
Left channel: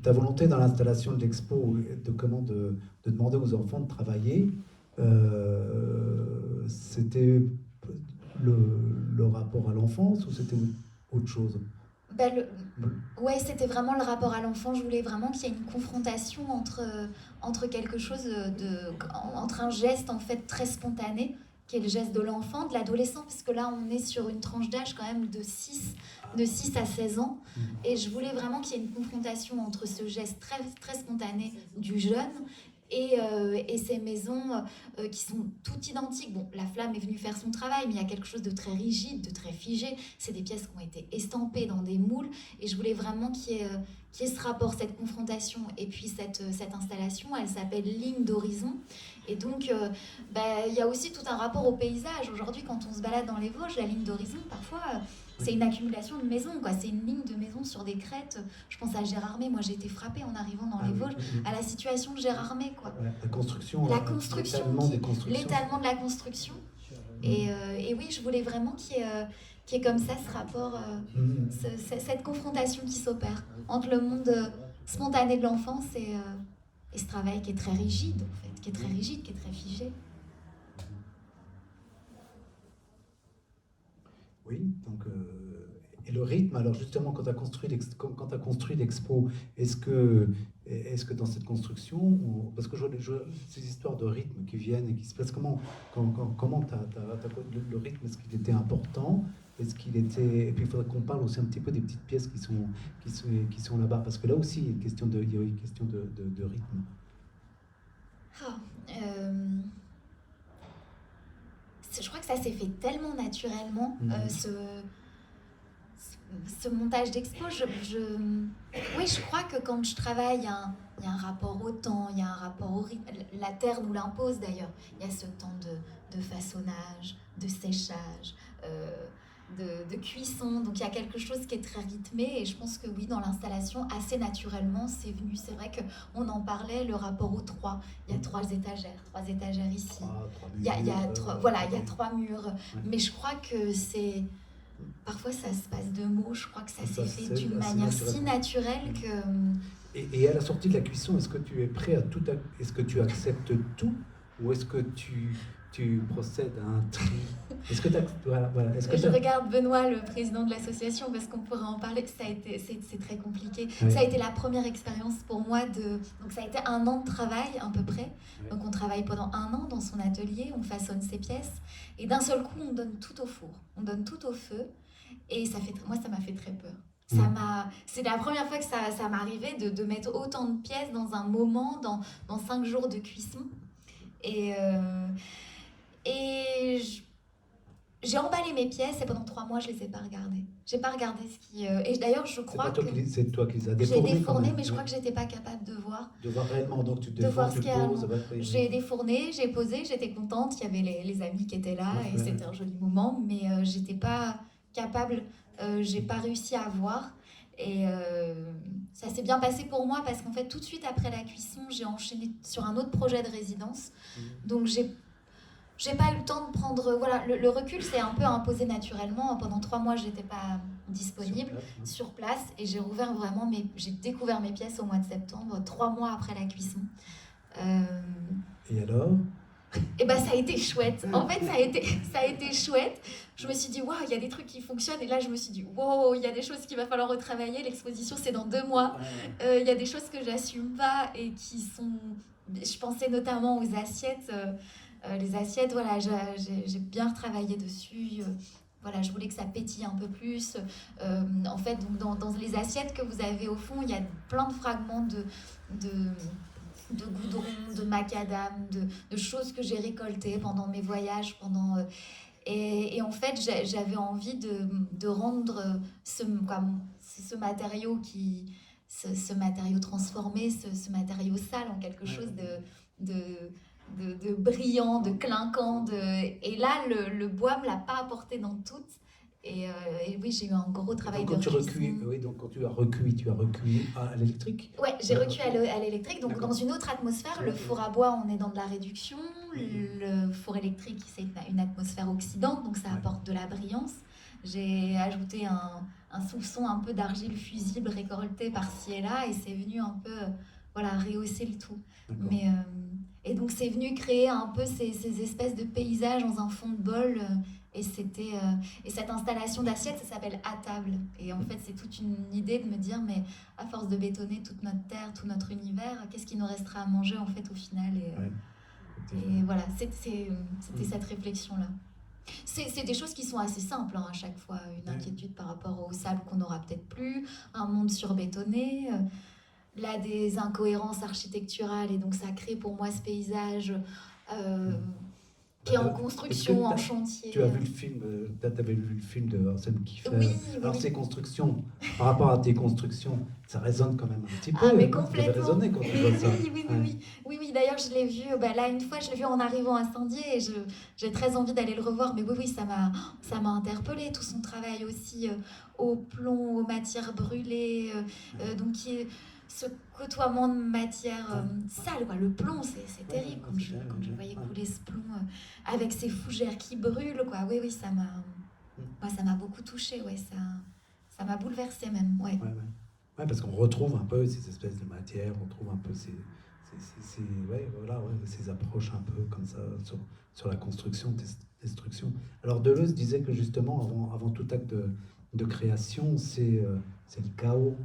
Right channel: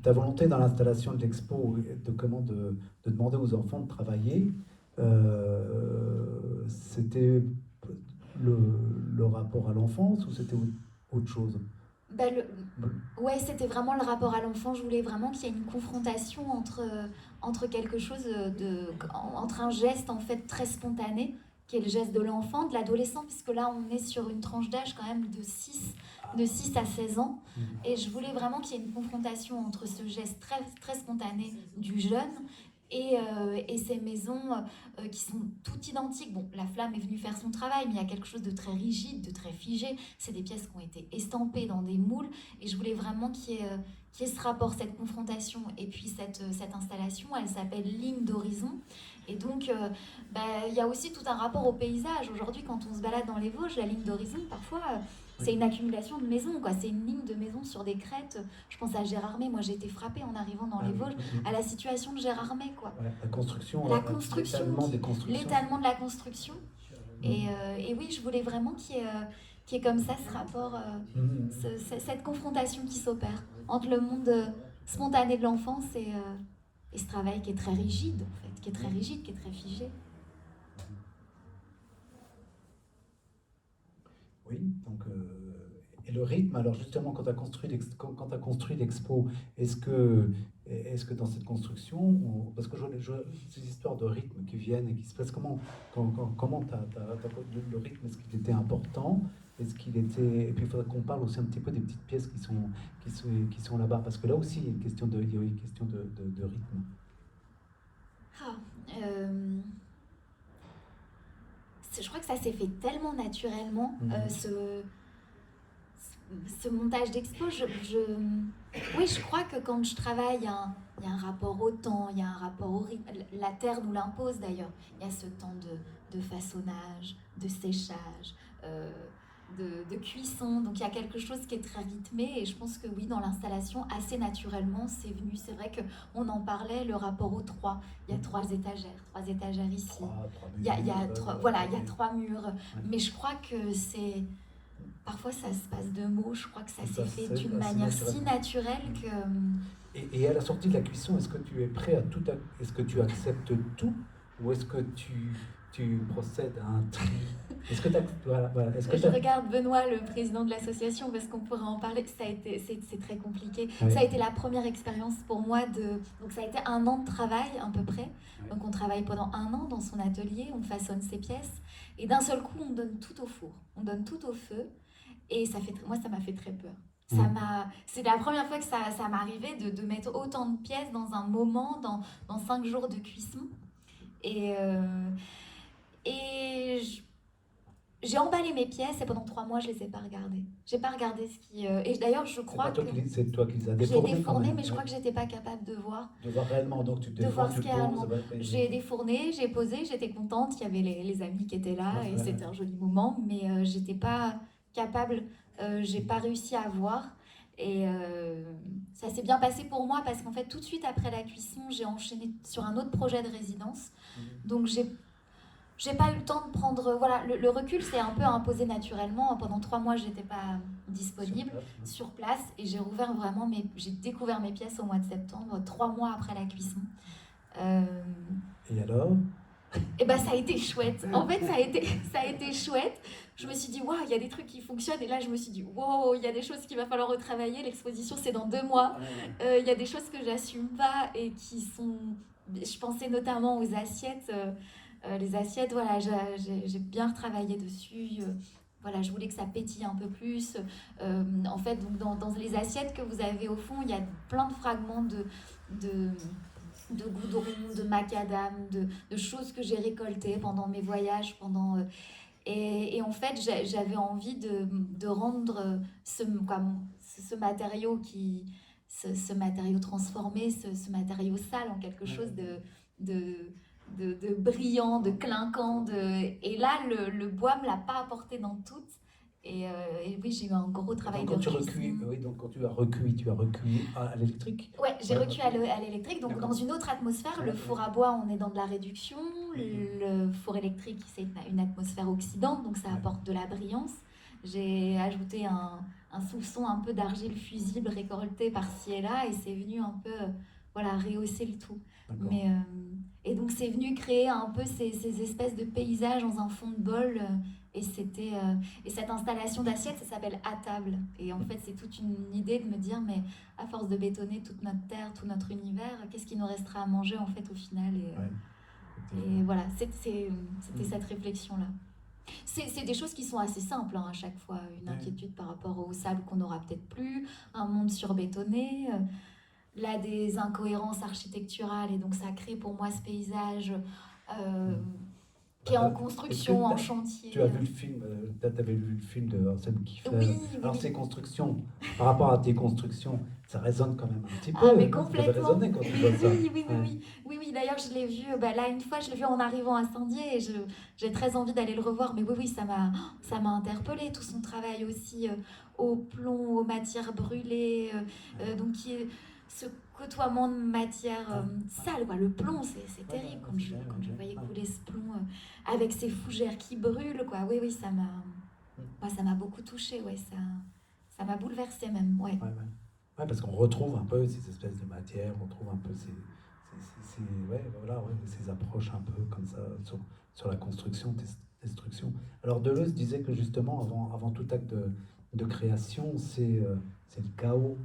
ta volonté dans l'installation de l'expo, de demander aux enfants de travailler, c'était le rapport à l'enfance ou c'était autre chose? Ouais, c'était vraiment le rapport à l'enfant. Je voulais vraiment qu'il y ait une confrontation entre quelque chose entre un geste en fait très spontané, qui est le geste de l'enfant, de l'adolescent, parce que là on est sur une tranche d'âge quand même de 6 à 16 ans. Et je voulais vraiment qu'il y ait une confrontation entre ce geste très, très spontané du jeune et ces maisons qui sont toutes identiques. Bon, la flamme est venue faire son travail, mais il y a quelque chose de très rigide, de très figé. C'est des pièces qui ont été estampées dans des moules, et je voulais vraiment qu'il y ait ce rapport, cette confrontation. Et puis cette installation, elle s'appelle Ligne d'horizon. Et donc, il y a aussi tout un rapport au paysage. Aujourd'hui, quand on se balade dans les Vosges, la ligne d'horizon, parfois, c'est une accumulation de maisons, quoi. C'est une ligne de maisons sur des crêtes. Je pense à Gérardmer. Moi, j'ai été frappée en arrivant dans les Vosges à la situation de Gérardmer, quoi. La construction, l'étalement de la construction. Et oui, je voulais vraiment qu'il y ait comme ça ce rapport, cette confrontation qui s'opère entre le monde spontané de l'enfance et ce travail qui est très rigide, en fait, qui est très rigide, qui est très figé. Oui, donc Et le rythme, alors justement, quand tu as construit quand t'as construit l'expo, est-ce que dans cette construction, parce que ces histoires de rythme qui viennent et qui se passent, comment le rythme, est-ce qu'il était important? Est-ce qu'il était, et puis il faudrait qu'on parle aussi un petit peu des petites pièces qui sont là-bas, parce que là aussi, il y a une question il y a une question de rythme. Ah, je crois que ça s'est fait tellement naturellement, ce montage d'expo. Oui, je crois que quand je travaille, il y a un rapport au temps, il y a un rapport au rythme. La terre nous l'impose d'ailleurs. Il y a ce temps de façonnage, de séchage, de cuisson. Donc il y a quelque chose qui est très rythmé. Et je pense que oui, dans l'installation, assez naturellement, c'est venu. C'est vrai qu'on en parlait, le rapport aux trois. Il y a trois étagères ici. Il y a voilà, il y a trois murs. Ouais. Mais je crois que c'est... Parfois, ça se passe de mots. Je crois que ça s'est fait d'une assez manière si naturelle que... Et à la sortie de la cuisson, est-ce que tu es prêt à tout... Est-ce que tu acceptes tout? Ou est-ce que tu procèdes à un tri? Est-ce que Je regarde Benoît, le président de l'association, parce qu'on pourrait en parler. C'est très compliqué. Ouais. Ça a été la première expérience pour moi donc ça a été 1 an de travail à peu près. Ouais. Donc on travaille pendant 1 an dans son atelier, on façonne ses pièces, et d'un seul coup on donne tout au four, on donne tout au feu, et moi ça m'a fait très peur. C'est la première fois que ça m'arrivait de mettre autant de pièces dans un moment, dans 5 jours de cuisson. Et j'ai emballé mes pièces et pendant 3 mois, je les ai pas regardées. J'ai pas regardé ce qui... Et d'ailleurs, je crois que... C'est toi qui les as défournées. J'ai défourné, mais je crois que j'étais pas capable de voir. De voir réellement, donc tu de voir ce qu'il y a réellement. poses... J'ai défourné, j'ai posé, j'étais contente. Il y avait les amis qui étaient là et c'était un joli moment, mais j'étais pas capable, j'ai pas réussi à voir. Et ça s'est bien passé pour moi parce qu'en fait, tout de suite après la cuisson, j'ai enchaîné sur un autre projet de résidence. Donc j'ai pas eu le temps de prendre... Voilà, le recul s'est un peu imposé naturellement. Pendant 3 mois, j'étais pas disponible sur place et j'ai rouvert vraiment j'ai découvert mes pièces au mois de septembre, 3 mois après la cuisson. Et alors? Et ben ça a été chouette. En fait, ça a été chouette. Je me suis dit, waouh, il y a des trucs qui fonctionnent. Et là, je me suis dit, waouh, il y a des choses qu'il va falloir retravailler. L'exposition, c'est dans 2 mois. Il y a des choses que j'assume pas et qui sont... Je pensais notamment aux assiettes. Les assiettes, voilà, j'ai bien retravaillé dessus. Voilà, je voulais que ça pétille un peu plus. En fait, donc dans les assiettes que vous avez au fond, il y a plein de fragments de goudron, de macadam, de choses que j'ai récoltées pendant mes voyages, et en fait, j'avais envie de rendre ce matériau ce matériau transformé, ce matériau sale en quelque chose de brillant, de clinquant. Et là, le bois me l'a pas apporté dans tout. Et oui, j'ai eu un gros travail de recuisson. Donc quand tu as recuit à l'électrique? Ouais, j'ai recuit à l'électrique, donc dans une autre atmosphère. Le four à bois, on est dans de la réduction. Le four électrique, c'est une atmosphère oxydante, donc ça apporte de la brillance. J'ai ajouté un soupçon un peu d'argile fusible récoltée par-ci et là, et c'est venu un peu rehausser le tout. Et donc c'est venu créer un peu ces espèces de paysages dans un fond de bol. Et cette installation d'assiette, ça s'appelle À table. Et en fait, c'est toute une idée de me dire, mais à force de bétonner toute notre terre, tout notre univers, qu'est-ce qui nous restera à manger en fait au final? Et voilà, c'était cette réflexion-là. C'est des choses qui sont assez simples à chaque fois. Une inquiétude par rapport aux salles qu'on n'aura peut-être plus, un monde surbétonné, là des incohérences architecturales. Et donc ça crée pour moi ce paysage... qui est en construction, en chantier. Tu as vu le film, t'avais vu le film de Arsène Kiefer. Oui, alors ces constructions, par rapport à tes constructions, ça résonne quand même un petit peu. Ah mais complètement. Quand tu vois ça. Oui, d'ailleurs je l'ai vu, là une fois je l'ai vu en arrivant à Saint-Dié et j'ai très envie d'aller le revoir. Mais oui, ça m'a interpellée, tout son travail aussi au plomb, aux matières brûlées, donc ce côtoiement de matière sale, quoi. Le plomb, c'est terrible quand je voyais couler ce plomb avec ces fougères qui brûlent, quoi. Oui, ça m'a beaucoup touchée, ça m'a bouleversée même, Ouais, parce qu'on retrouve un peu ces espèces de matières, on trouve un peu ces approches un peu comme ça sur la construction, destruction. Alors Deleuze disait que justement, avant tout acte de création, c'est le chaos.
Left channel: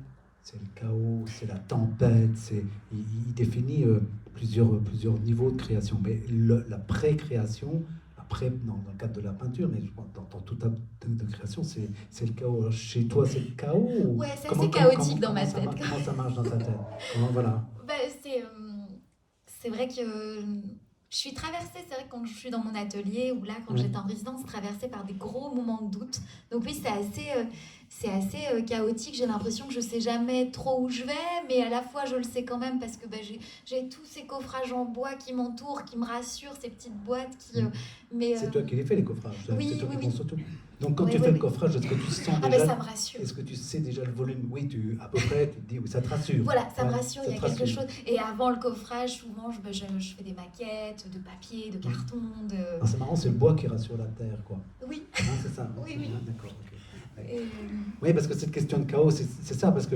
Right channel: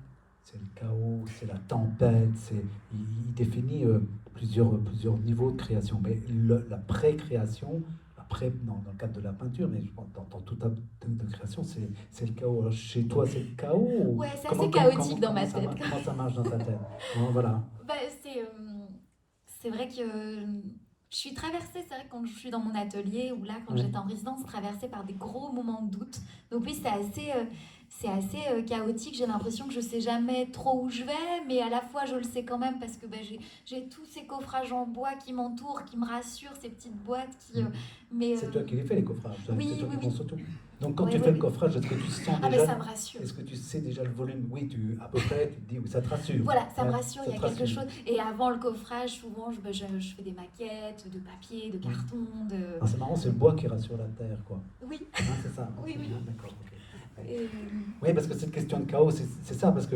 C'est le chaos, c'est la tempête, il définit plusieurs niveaux de création. Mais la pré-création, après, dans le cadre de la peinture, mais je crois que dans tout acte de création, c'est le chaos. Alors, chez toi, c'est le chaos ou Ouais, c'est assez chaotique dans ma tête. Comment ça marche dans ta tête? Voilà. Bah, c'est vrai que je suis traversée, c'est vrai que quand je suis dans mon atelier ou là quand Ouais. j'étais en résidence, traversée par des gros moments de doute. Donc oui, c'est assez chaotique. J'ai l'impression que je sais jamais trop où je vais, mais à la fois je le sais quand même parce que bah, j'ai tous ces coffrages en bois qui m'entourent, qui me rassurent, ces petites boîtes qui. Mais C'est toi qui les fais les coffrages, oui, c'est toi qui oui, penses oui. tout. Donc quand Ouais, tu ouais, fais le ouais. coffrage, est-ce que tu sens Ah ben déjà, ça me rassure. est-ce que tu sais déjà le volume? Oui, à peu près, tu te dis, oui, ça te rassure. Voilà, ça me Ouais, rassure, ça il y a te quelque rassure. chose. Et avant le coffrage, souvent, je fais des maquettes de papier, de carton, de. Ah, c'est marrant, c'est le bois qui rassure la terre, quoi. Oui, Hein, c'est ça. oui, C'est oui. bien, d'accord. Ok. Ouais. Et, Oui, parce que cette question de chaos, c'est ça, parce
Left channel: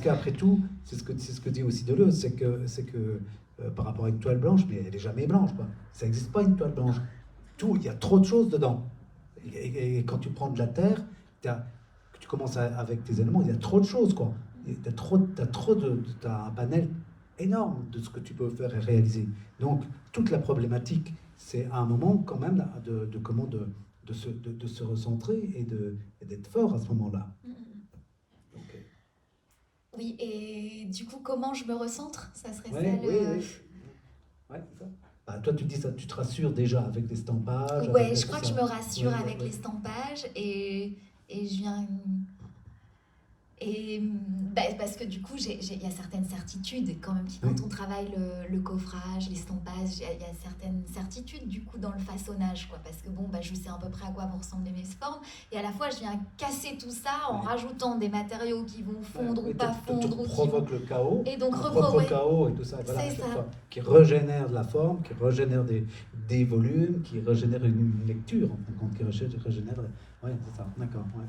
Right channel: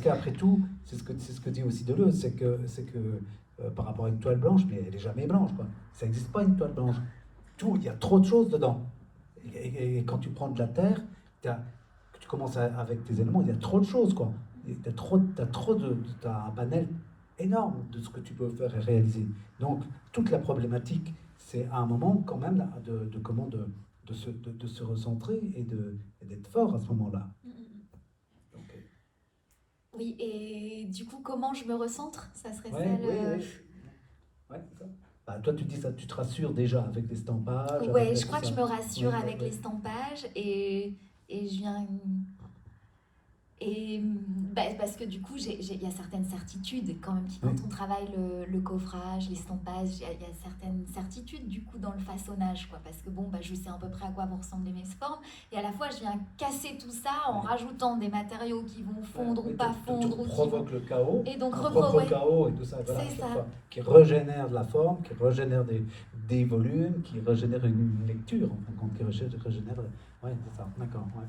qu'après tout, c'est ce que dit aussi Deleuze, c'est que par rapport à une toile blanche, mais elle est jamais blanche, quoi. Ça n'existe pas une toile blanche. Tout, il y a trop de choses dedans. Et quand tu prends de la terre, que tu commences avec tes éléments, il y a trop de choses, quoi. T'as un panel énorme de ce que tu peux faire et réaliser. Donc, toute la problématique, c'est à un moment, quand même, de se recentrer et d'être fort à ce moment-là. Donc, oui, et du coup, comment je me recentre? Ça serait ouais, ça oui, le. oui. Ouais, c'est ça. Bah, toi, tu dis ça, tu te rassures déjà avec l'estampage, Ouais, je tout crois que ça. je me rassure Ouais, ouais, avec ouais. l'estampage et je viens. Et bah, parce que du coup, il y a certaines certitudes quand même, quand on travaille le coffrage, l'estampage, il y a certaines certitudes du coup dans le façonnage, quoi. Parce que bon, bah, je sais à peu près à quoi vont ressembler mes formes. Et à la fois, je viens casser tout ça en rajoutant des matériaux qui vont fondre ou pas Tu fondre. Ou qui vont... provoques le chaos, Et donc, ton propre ouais, chaos et tout ça, voilà, à c'est chaque ça. fois, qui régénère de la forme, qui régénère des volumes, qui régénère une lecture, en fin de compte, qui régénère. Ouais, c'est ça, d'accord. Ouais.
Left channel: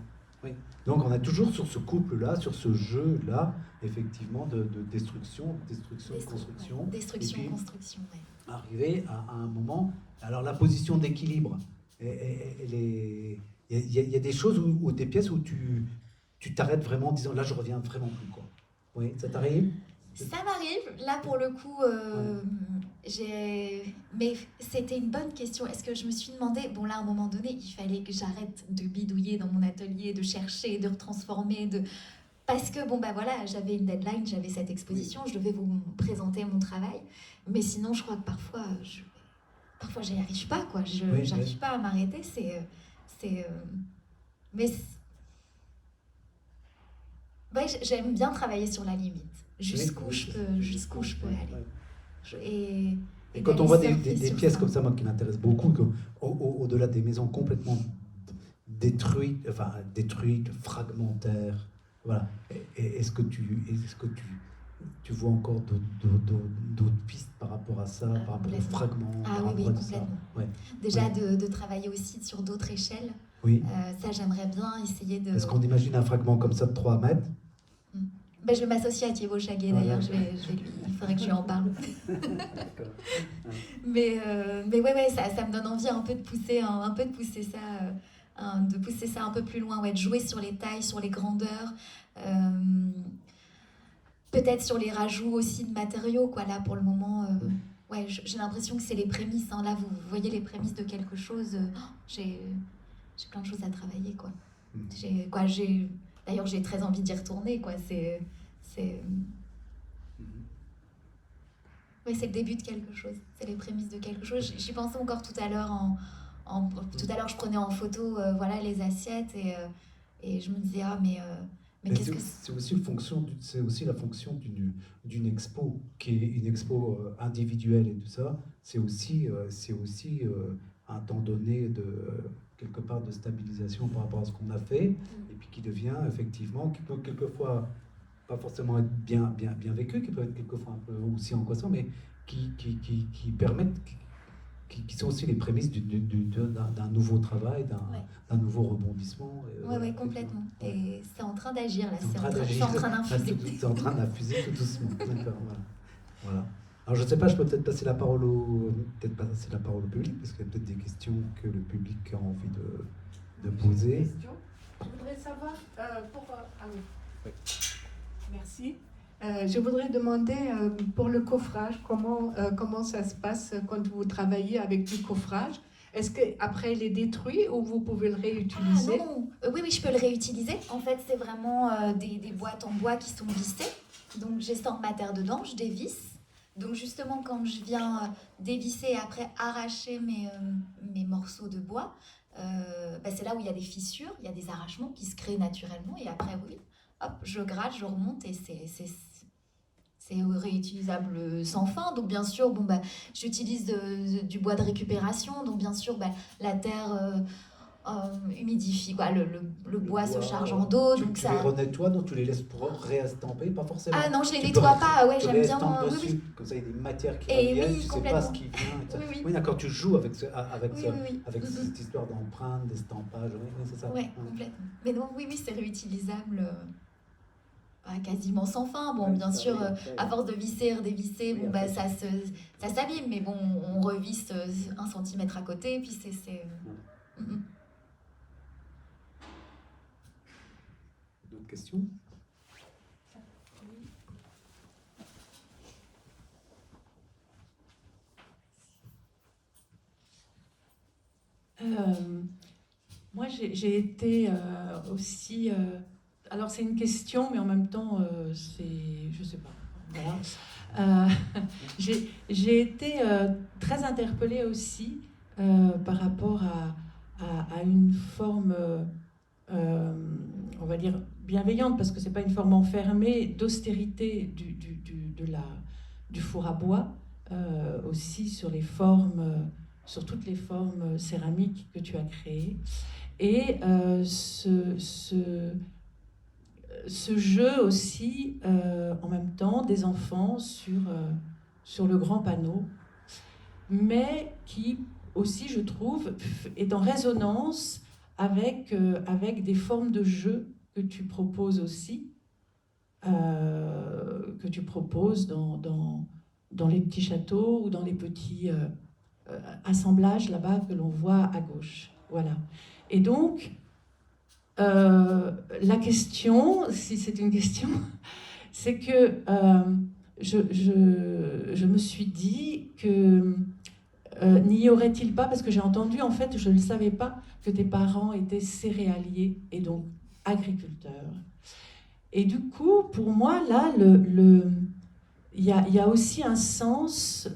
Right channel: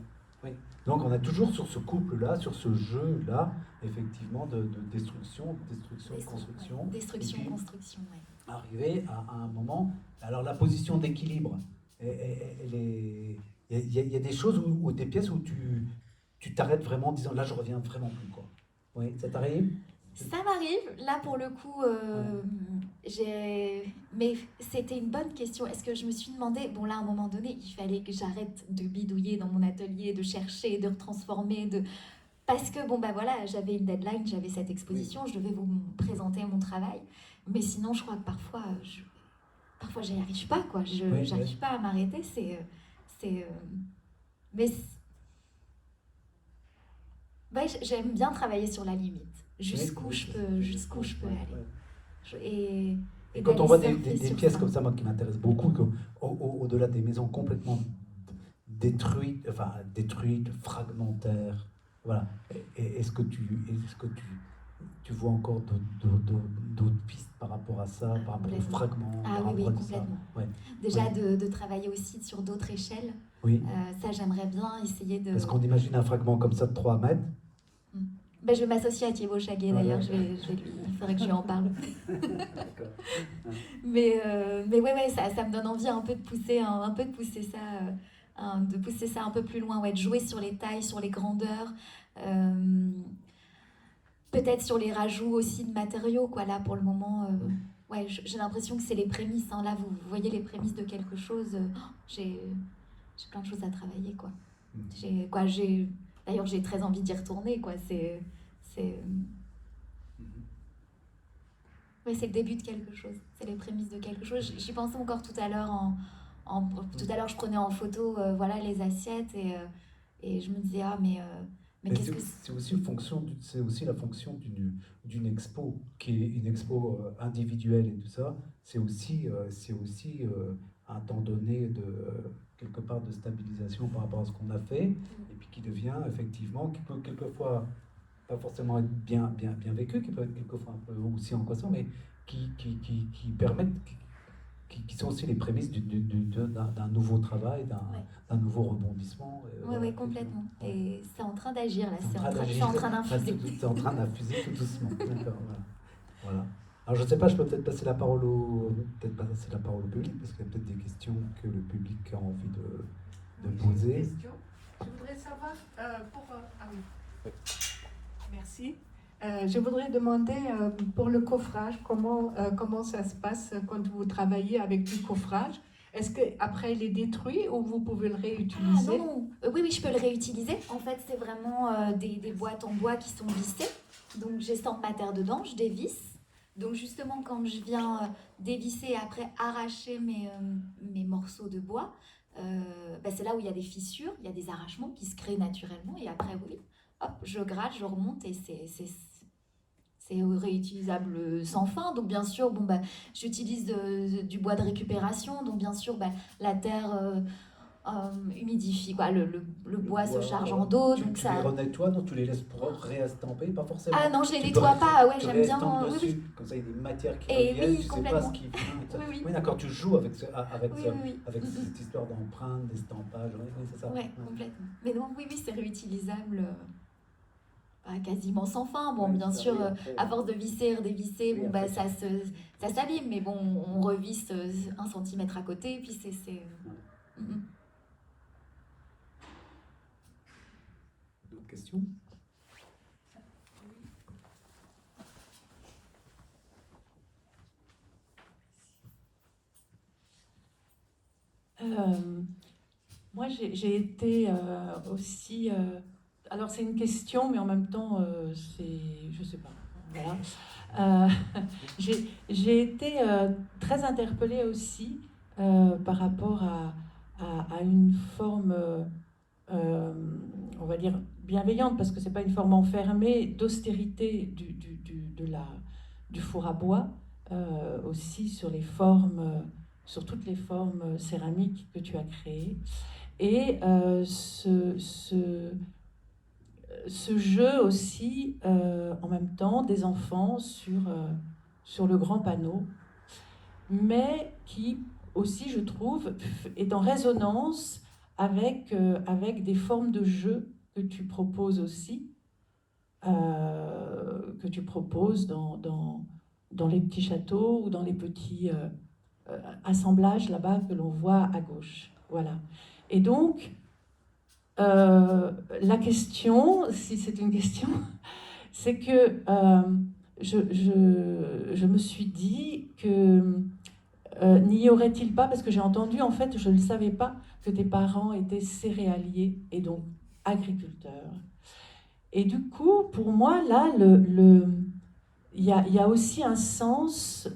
Oui. Donc on est toujours sur ce couple-là, sur ce jeu-là, effectivement, de destruction, construction. Ouais. Destruction, Et puis, construction, ouais. arriver à un moment. Alors la position d'équilibre, elle est. Il y a des choses ou des pièces où tu t'arrêtes vraiment en disant là je reviens vraiment plus, quoi. Oui, ça t'arrive? Ça m'arrive, là pour le coup, mais c'était une bonne question. Est-ce que je me suis demandé, bon là à un moment donné, il fallait que j'arrête de bidouiller dans mon atelier, de chercher, de retransformer, parce que bon bah voilà, j'avais une deadline, j'avais cette exposition, je devais vous présenter mon travail, mais sinon je crois que parfois j'y arrive pas, quoi. J'arrive pas à m'arrêter, mais ouais, j'aime bien travailler sur la limite, jusqu'où je peux aller. Et quand on voit des pièces comme ça, moi qui m'intéresse beaucoup, au-delà des maisons complètement détruites, fragmentaires, voilà. Est-ce que tu vois encore d'autres pistes par rapport à ça, par rapport aux fragments, par rapport oui, à complètement. Ouais. Déjà de travailler aussi sur d'autres échelles. Oui. Ça, j'aimerais bien essayer de. Est-ce qu'on imagine un fragment comme ça de 3 mètres? Ben, je vais m'associer à Thierry Chaguet d'ailleurs, il faudrait que je lui en parle. D'accord. Mais ouais, ça me donne envie un peu de pousser ça un peu plus loin, ouais, de jouer sur les tailles, sur les grandeurs, peut-être sur les rajouts aussi de matériaux, quoi. Là pour le moment, ouais, j'ai l'impression que c'est les prémices, hein. Là vous voyez les prémices de quelque chose. J'ai plein de choses à travailler, quoi. D'ailleurs j'ai très envie d'y retourner, quoi. C'est le début de quelque chose, c'est les prémices de quelque chose. J'y pensais encore tout à l'heure tout à l'heure je prenais en photo voilà les assiettes et je me disais mais qu'est-ce que c'est aussi la fonction d'une expo qui est une expo individuelle et tout ça. C'est aussi un temps donné de quelque part de stabilisation par rapport à ce qu'on a fait et puis qui devient effectivement, qui peut quelquefois pas forcément être bien vécu, qui peut être quelquefois un peu aussi angoissant, mais qui permettent, qui sont aussi les prémices d'un nouveau travail, d'un nouveau rebondissement. Oui, complètement. Et c'est en train d'agir là, c'est en train d'infuser. C'est en train d'infuser tout doucement. Voilà. Alors je ne sais pas, je peux peut-être passer la parole au public, parce qu'il y a peut-être des questions que le public a envie de poser. Je voudrais savoir Ah oui. Merci. Je voudrais demander pour le coffrage, comment ça se passe quand vous travaillez avec du coffrage? Est-ce qu'après il est détruit ou vous pouvez le réutiliser? Ah non, oui, oui, je peux le réutiliser. En fait, c'est vraiment des boîtes en bois qui sont vissées. Donc, j'estampe ma terre dedans, je dévisse. Donc, justement, quand je viens dévisser et après arracher mes morceaux de bois, c'est là où il y a des fissures, il y a des arrachements qui se créent naturellement. Et après, oui, hop, je gratte, je remonte et c'est réutilisable sans fin. Donc bien sûr, j'utilise du bois de récupération. Donc bien sûr, la terre humidifie, quoi. Le bois se charge en dos. Tu, Donc tu les ça... renettoies, donc tu les laisses réestamper, pas forcément. Ah non, je les Tu nettoie pas. Ouais, tu j'aime bien. réestampes Oui, dessus, oui. comme ça il y a des matières qui Et reviennent, oui, tu sais pas ce complètement. qui vient. Et ça. Oui, oui. Oui, d'accord, tu joues avec, Oui, oui, oui. avec cette histoire d'empreinte, d'estampage. Oui, c'est ça. Ouais, complètement. Mais non, oui, oui, c'est réutilisable. Quasiment sans fin. Bon, Ouais, bien ça, sûr, oui, après, à force de visser, redévisser, oui, après, ça s'abîme, mais bon, on revisse 1 centimètre à côté, puis c'est... D'autres questions? Moi, j'ai été aussi... alors, c'est une question, mais en même temps, c'est... Je sais pas. Voilà. J'ai été très interpellée aussi par rapport à une forme, on va dire, bienveillante, parce que c'est pas une forme enfermée, d'austérité du four à bois, aussi sur les formes... sur toutes les formes céramiques que tu as créées. Et ce jeu aussi, en même temps, des enfants sur le grand panneau, mais qui aussi, je trouve, est en résonance avec des formes de jeu que tu proposes aussi, que tu proposes dans les petits châteaux ou dans les petits... assemblage là-bas que l'on voit à gauche. Voilà. Et donc, la question, si c'est une question, c'est que je me suis dit que n'y aurait-il pas, parce que j'ai entendu, en fait, je ne savais pas que tes parents étaient céréaliers et donc agriculteurs. Et du coup, pour moi, là, il y a aussi un sens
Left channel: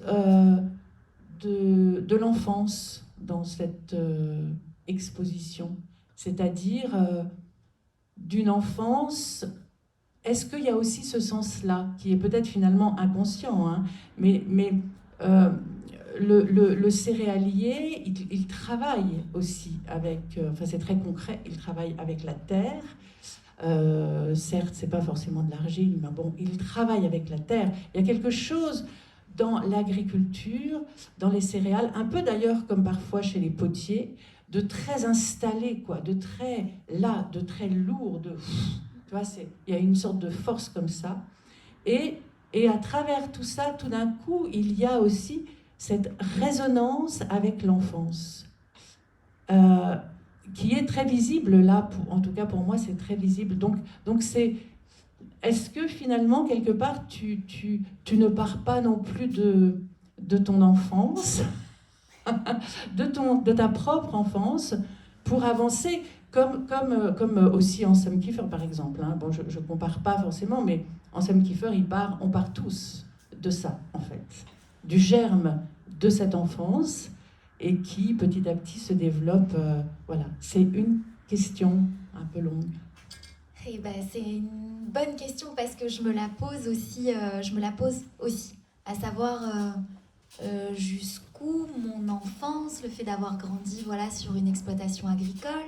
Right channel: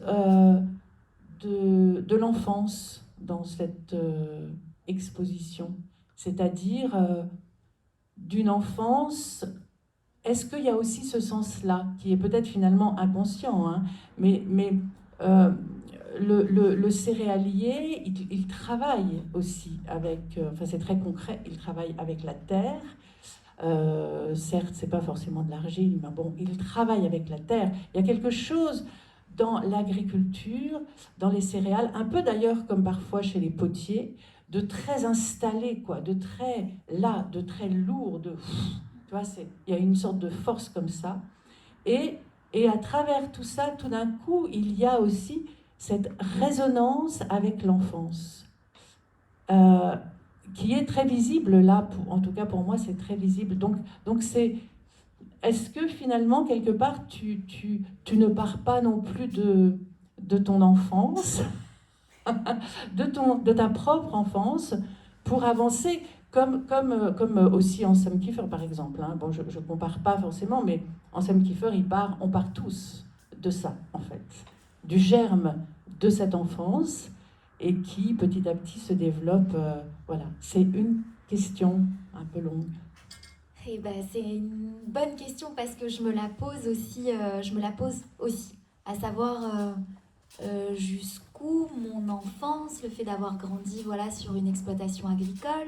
de l'enfance dans cette exposition, c'est-à-dire d'une enfance. Est-ce qu'il y a aussi ce sens-là, qui est peut-être finalement inconscient, hein, mais le céréalier, il travaille aussi avec, enfin c'est très concret, il travaille avec la terre. Certes, c'est pas forcément de l'argile, mais bon, il travaille avec la terre. Il y a quelque chose dans l'agriculture, dans les céréales, un peu d'ailleurs comme parfois chez les potiers, de très installé, quoi, de très là, de très lourd, tu vois, il y a une sorte de force comme ça. Et à travers tout ça, tout d'un coup, il y a aussi cette résonance avec l'enfance, qui est très visible là, en tout cas pour moi, c'est très visible. Donc c'est... Est-ce que finalement, quelque part, tu ne pars pas non plus de ton enfance, de ta propre enfance, pour avancer, comme aussi Anselm Kiefer, par exemple. Hein. Bon, je ne compare pas forcément, mais Anselm Kiefer, on part tous de ça, en fait, du germe de cette enfance, et qui, petit à petit, se développe. Voilà, c'est une question un peu longue. Eh ben, c'est une bonne question parce que je me la pose aussi, à savoir jusqu'où mon enfance, le fait d'avoir grandi sur une exploitation agricole,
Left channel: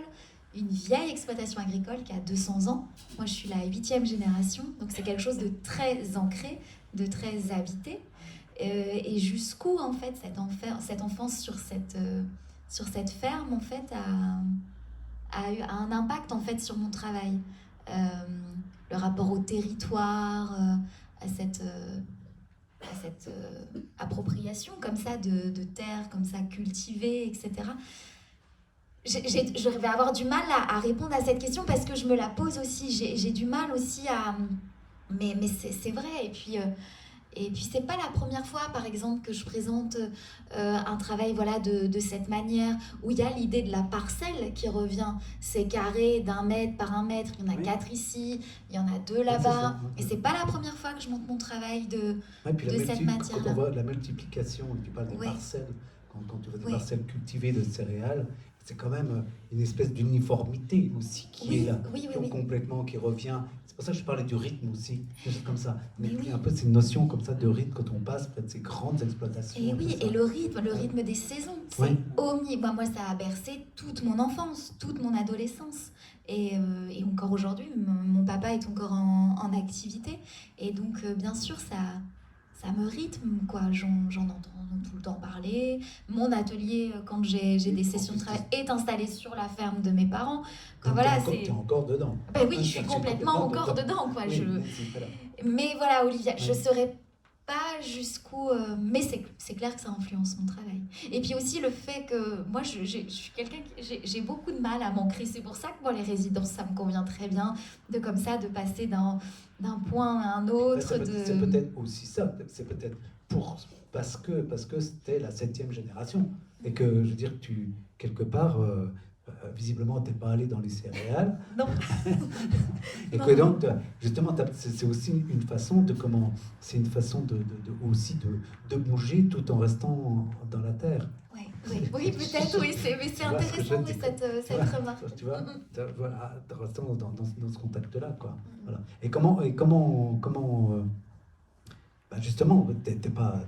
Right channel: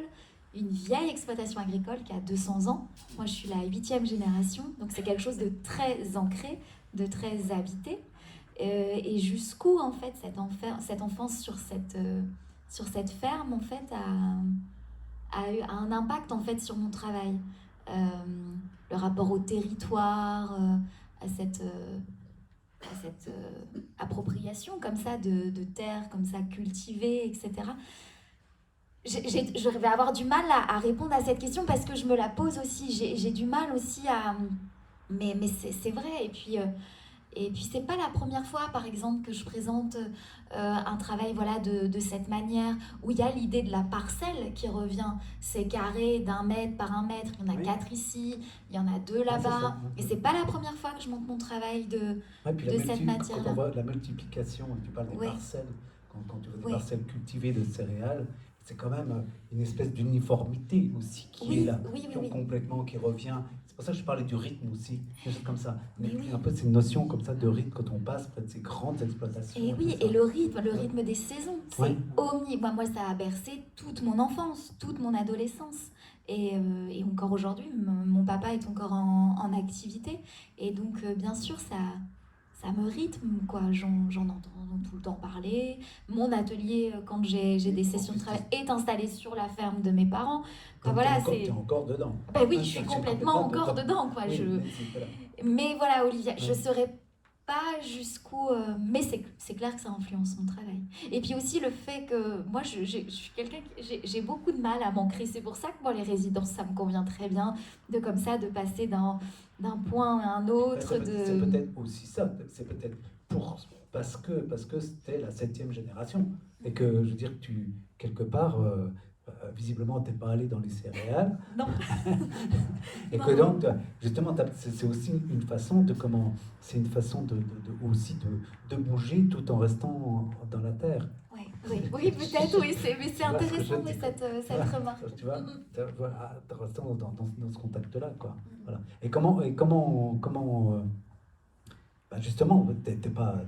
une vieille exploitation agricole qui a 200 ans. Moi, je suis la 8e génération, donc c'est quelque chose de très ancré, de très habité. Et jusqu'où, en fait, cette enfance sur cette ferme, en fait, a eu un impact, en fait, sur mon travail. Le rapport au territoire, à cette appropriation comme ça de terres comme ça cultivées, etc. je vais avoir du mal à répondre à cette question parce que je me la pose aussi. J'ai du mal aussi à... Mais c'est vrai. Et puis c'est pas la première fois, par exemple, que je présente un travail voilà, de cette manière, où il y a l'idée de la parcelle qui revient. C'est carré d'1 mètre par 1 mètre, il y en a Oui. 4 ici, il y en a 2 Ouais, c'est là-bas. ça. Et c'est pas la première fois que je montre mon travail Ouais, puis de cette quand matière-là. on voit la multiplication, tu parles des Oui, parcelles, quand tu vois des oui, parcelles cultivées de céréales, c'est quand même une espèce d'uniformité aussi qui est oui, là, oui, oui, oui. complètement, qui revient. C'est pour ça que je parlais du rythme aussi, des choses comme ça. Mais Il y a oui. un peu cette notion comme ça de rythme quand on passe près de ces grandes exploitations. Et oui, tout ça. et le rythme des saisons, c'est Oui. Moi, ça a bercé toute mon enfance, toute mon adolescence. Et encore aujourd'hui, mon papa est encore en activité. Et donc, bien sûr, ça me rythme, quoi. J'en entends tout le temps parler. Mon atelier, quand j'ai Oui, des en sessions de plus, travail, est installé sur la ferme de mes parents. Quoi, Donc voilà, t'es c'est... encore dedans. Ben oui, Ah, je suis c'est complètement encore dedans, quoi. Oui, mais voilà. Mais voilà, Olivia, je Oui. saurais pas jusqu'où... mais c'est clair que ça influence mon travail. Et puis aussi le fait que moi, je suis quelqu'un j'ai beaucoup de mal à m'ancrer. C'est pour ça que moi, les résidences, ça me convient très bien. De comme ça, de passer d'un point à un autre. C'est peut-être aussi ça. C'est peut-être parce que c'était la 7e génération. Et que, je veux dire, quelque part, visiblement, t'es pas allé dans les céréales. Non. Et Non. que donc, justement, c'est aussi une façon c'est une façon aussi de bouger tout en restant dans la terre. Oui, peut-être, oui, mais c'est Tu vois ce que je intéressant, veux oui, dire. cette Voilà, remarque. tu vois, voilà, restant dans ce contact-là, quoi. Mhm. Voilà. Et comment justement, t'es pas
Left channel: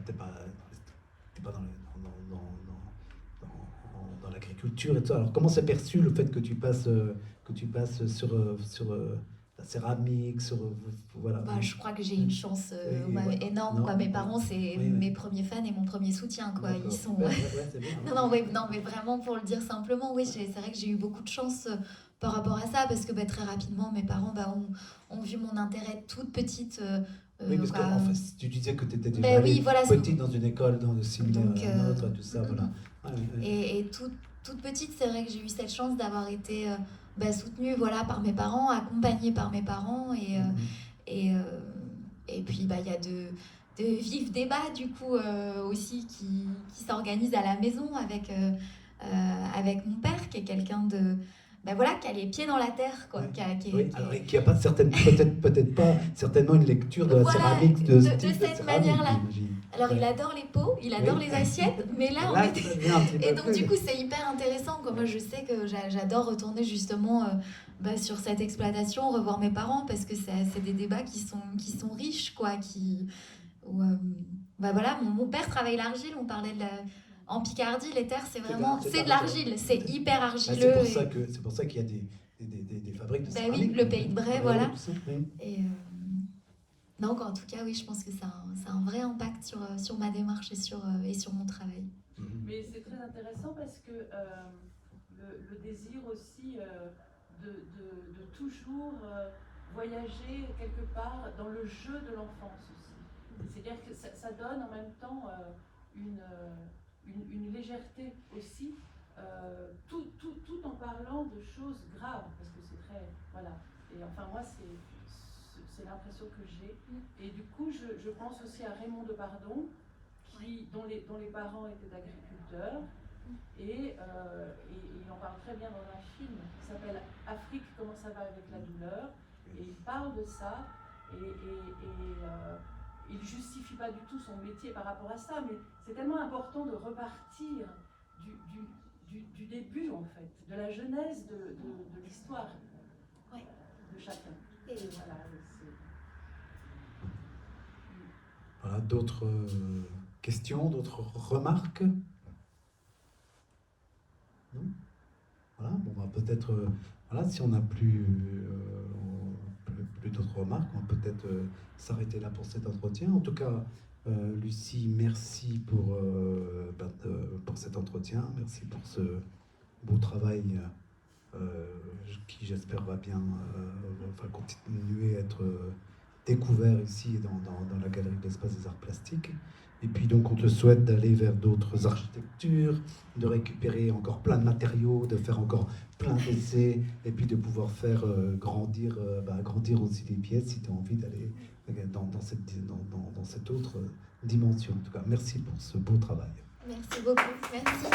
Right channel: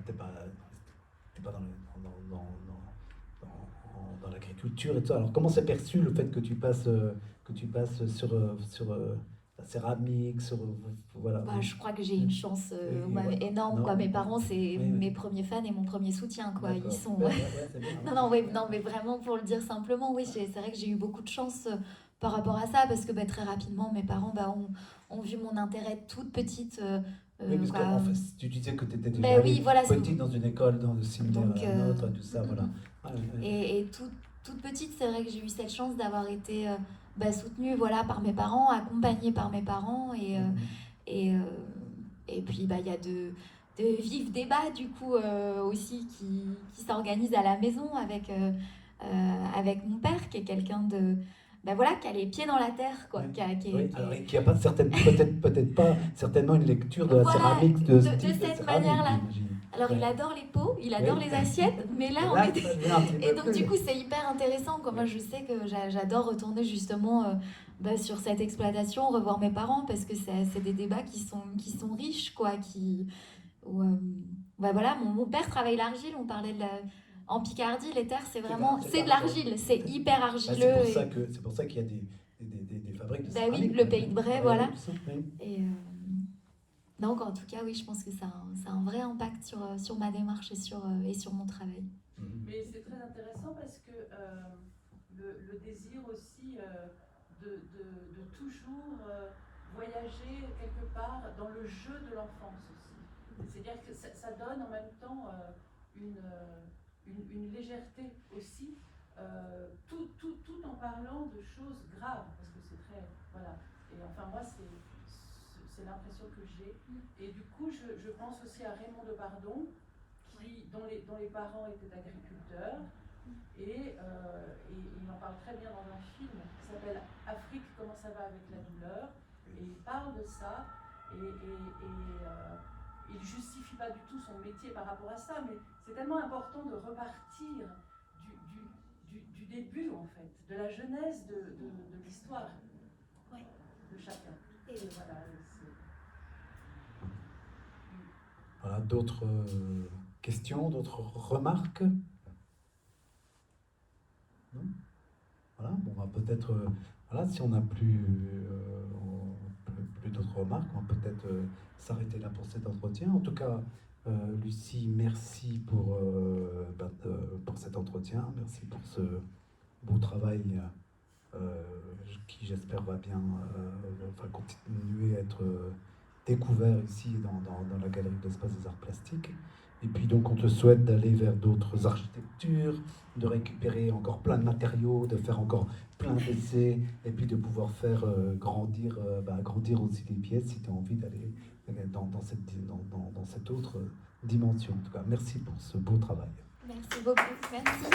dans l'agriculture et tout ça. Alors, comment c'est perçu le fait que tu passes sur la céramique, voilà. Bah, je crois que j'ai une chance voilà. énorme, Non, quoi. Mes parents, c'est oui. mes premiers fans et mon premier soutien, quoi. Ils D'accord. sont... Ouais, c'est bien. Non, mais vraiment, pour le dire simplement, oui, c'est vrai que j'ai eu beaucoup de chance par rapport à ça, parce que bah, très rapidement, mes parents ont vu mon intérêt toute petite. Oui, parce que quoi. en fait, tu disais que tu étais déjà Ben oui, allée voilà. petite dans une école dans le similaire Donc, à la nôtre, tout ça, voilà. Et toute petite, c'est vrai que j'ai eu cette chance d'avoir été soutenue voilà, par mes parents, accompagnée par mes parents. Et, euh, et puis, bah, il y a de vifs débats, du coup, aussi qui s'organisent à la maison avec mon père, qui est quelqu'un de... Ben voilà, qui a les pieds dans la terre, quoi. Alors, et qui a pas peut-être pas certainement une lecture de la Voilà, céramique de style de cette céramique, manière-là. j'imagine. Alors, il adore les pots, il adore les assiettes, mais là, on est... ça devient un petit peu Et donc, plus. du coup, c'est hyper intéressant, quoi. Moi, je sais que j'adore retourner justement sur cette exploitation, revoir mes parents, parce que c'est des débats qui sont riches, quoi. Voilà, mon père travaille l'argile, on parlait en Picardie, les terres, c'est de l'argile, c'est hyper argileux. C'est pour ça qu'il y a des fabriques de Bah oui, céramique. le pays de Bray, voilà. Tout ça, oui. Et donc, en tout cas, oui, je pense que ça a un vrai impact sur ma démarche et sur mon travail. Mais c'est très intéressant parce que le désir aussi de toujours voyager quelque part dans le jeu de l'enfance aussi. C'est-à-dire que ça donne en même temps une légèreté aussi, tout en parlant de choses graves, parce que c'est très... Voilà. Et enfin, moi, c'est l'impression que j'ai. Et du coup, je pense aussi à Raymond Depardon, dont les parents étaient agriculteurs, et il en parle très bien dans un film qui s'appelle Afrique, comment ça va avec la douleur, et il parle de ça, et il ne justifie pas du tout son métier par rapport à ça, mais c'est tellement important de repartir du début, en fait, de la genèse de l'histoire de chacun. Et voilà, d'autres questions, d'autres remarques? Non? Voilà, on va peut-être, voilà, si on n'a plus d'autres remarques, on va peut-être s'arrêter là pour cet entretien. En tout cas, Lucie, merci pour cet entretien, merci pour ce beau travail qui, j'espère, va bien continuer à être découvert ici dans la galerie de l'Espace des Arts Plastiques. Et puis donc on te souhaite d'aller vers d'autres architectures, de récupérer encore plein de matériaux, de faire encore plein d'essais, et puis de pouvoir faire grandir aussi les pièces si tu as envie d'aller dans cette autre dimension. En tout cas, merci pour ce beau travail. Merci beaucoup. Merci.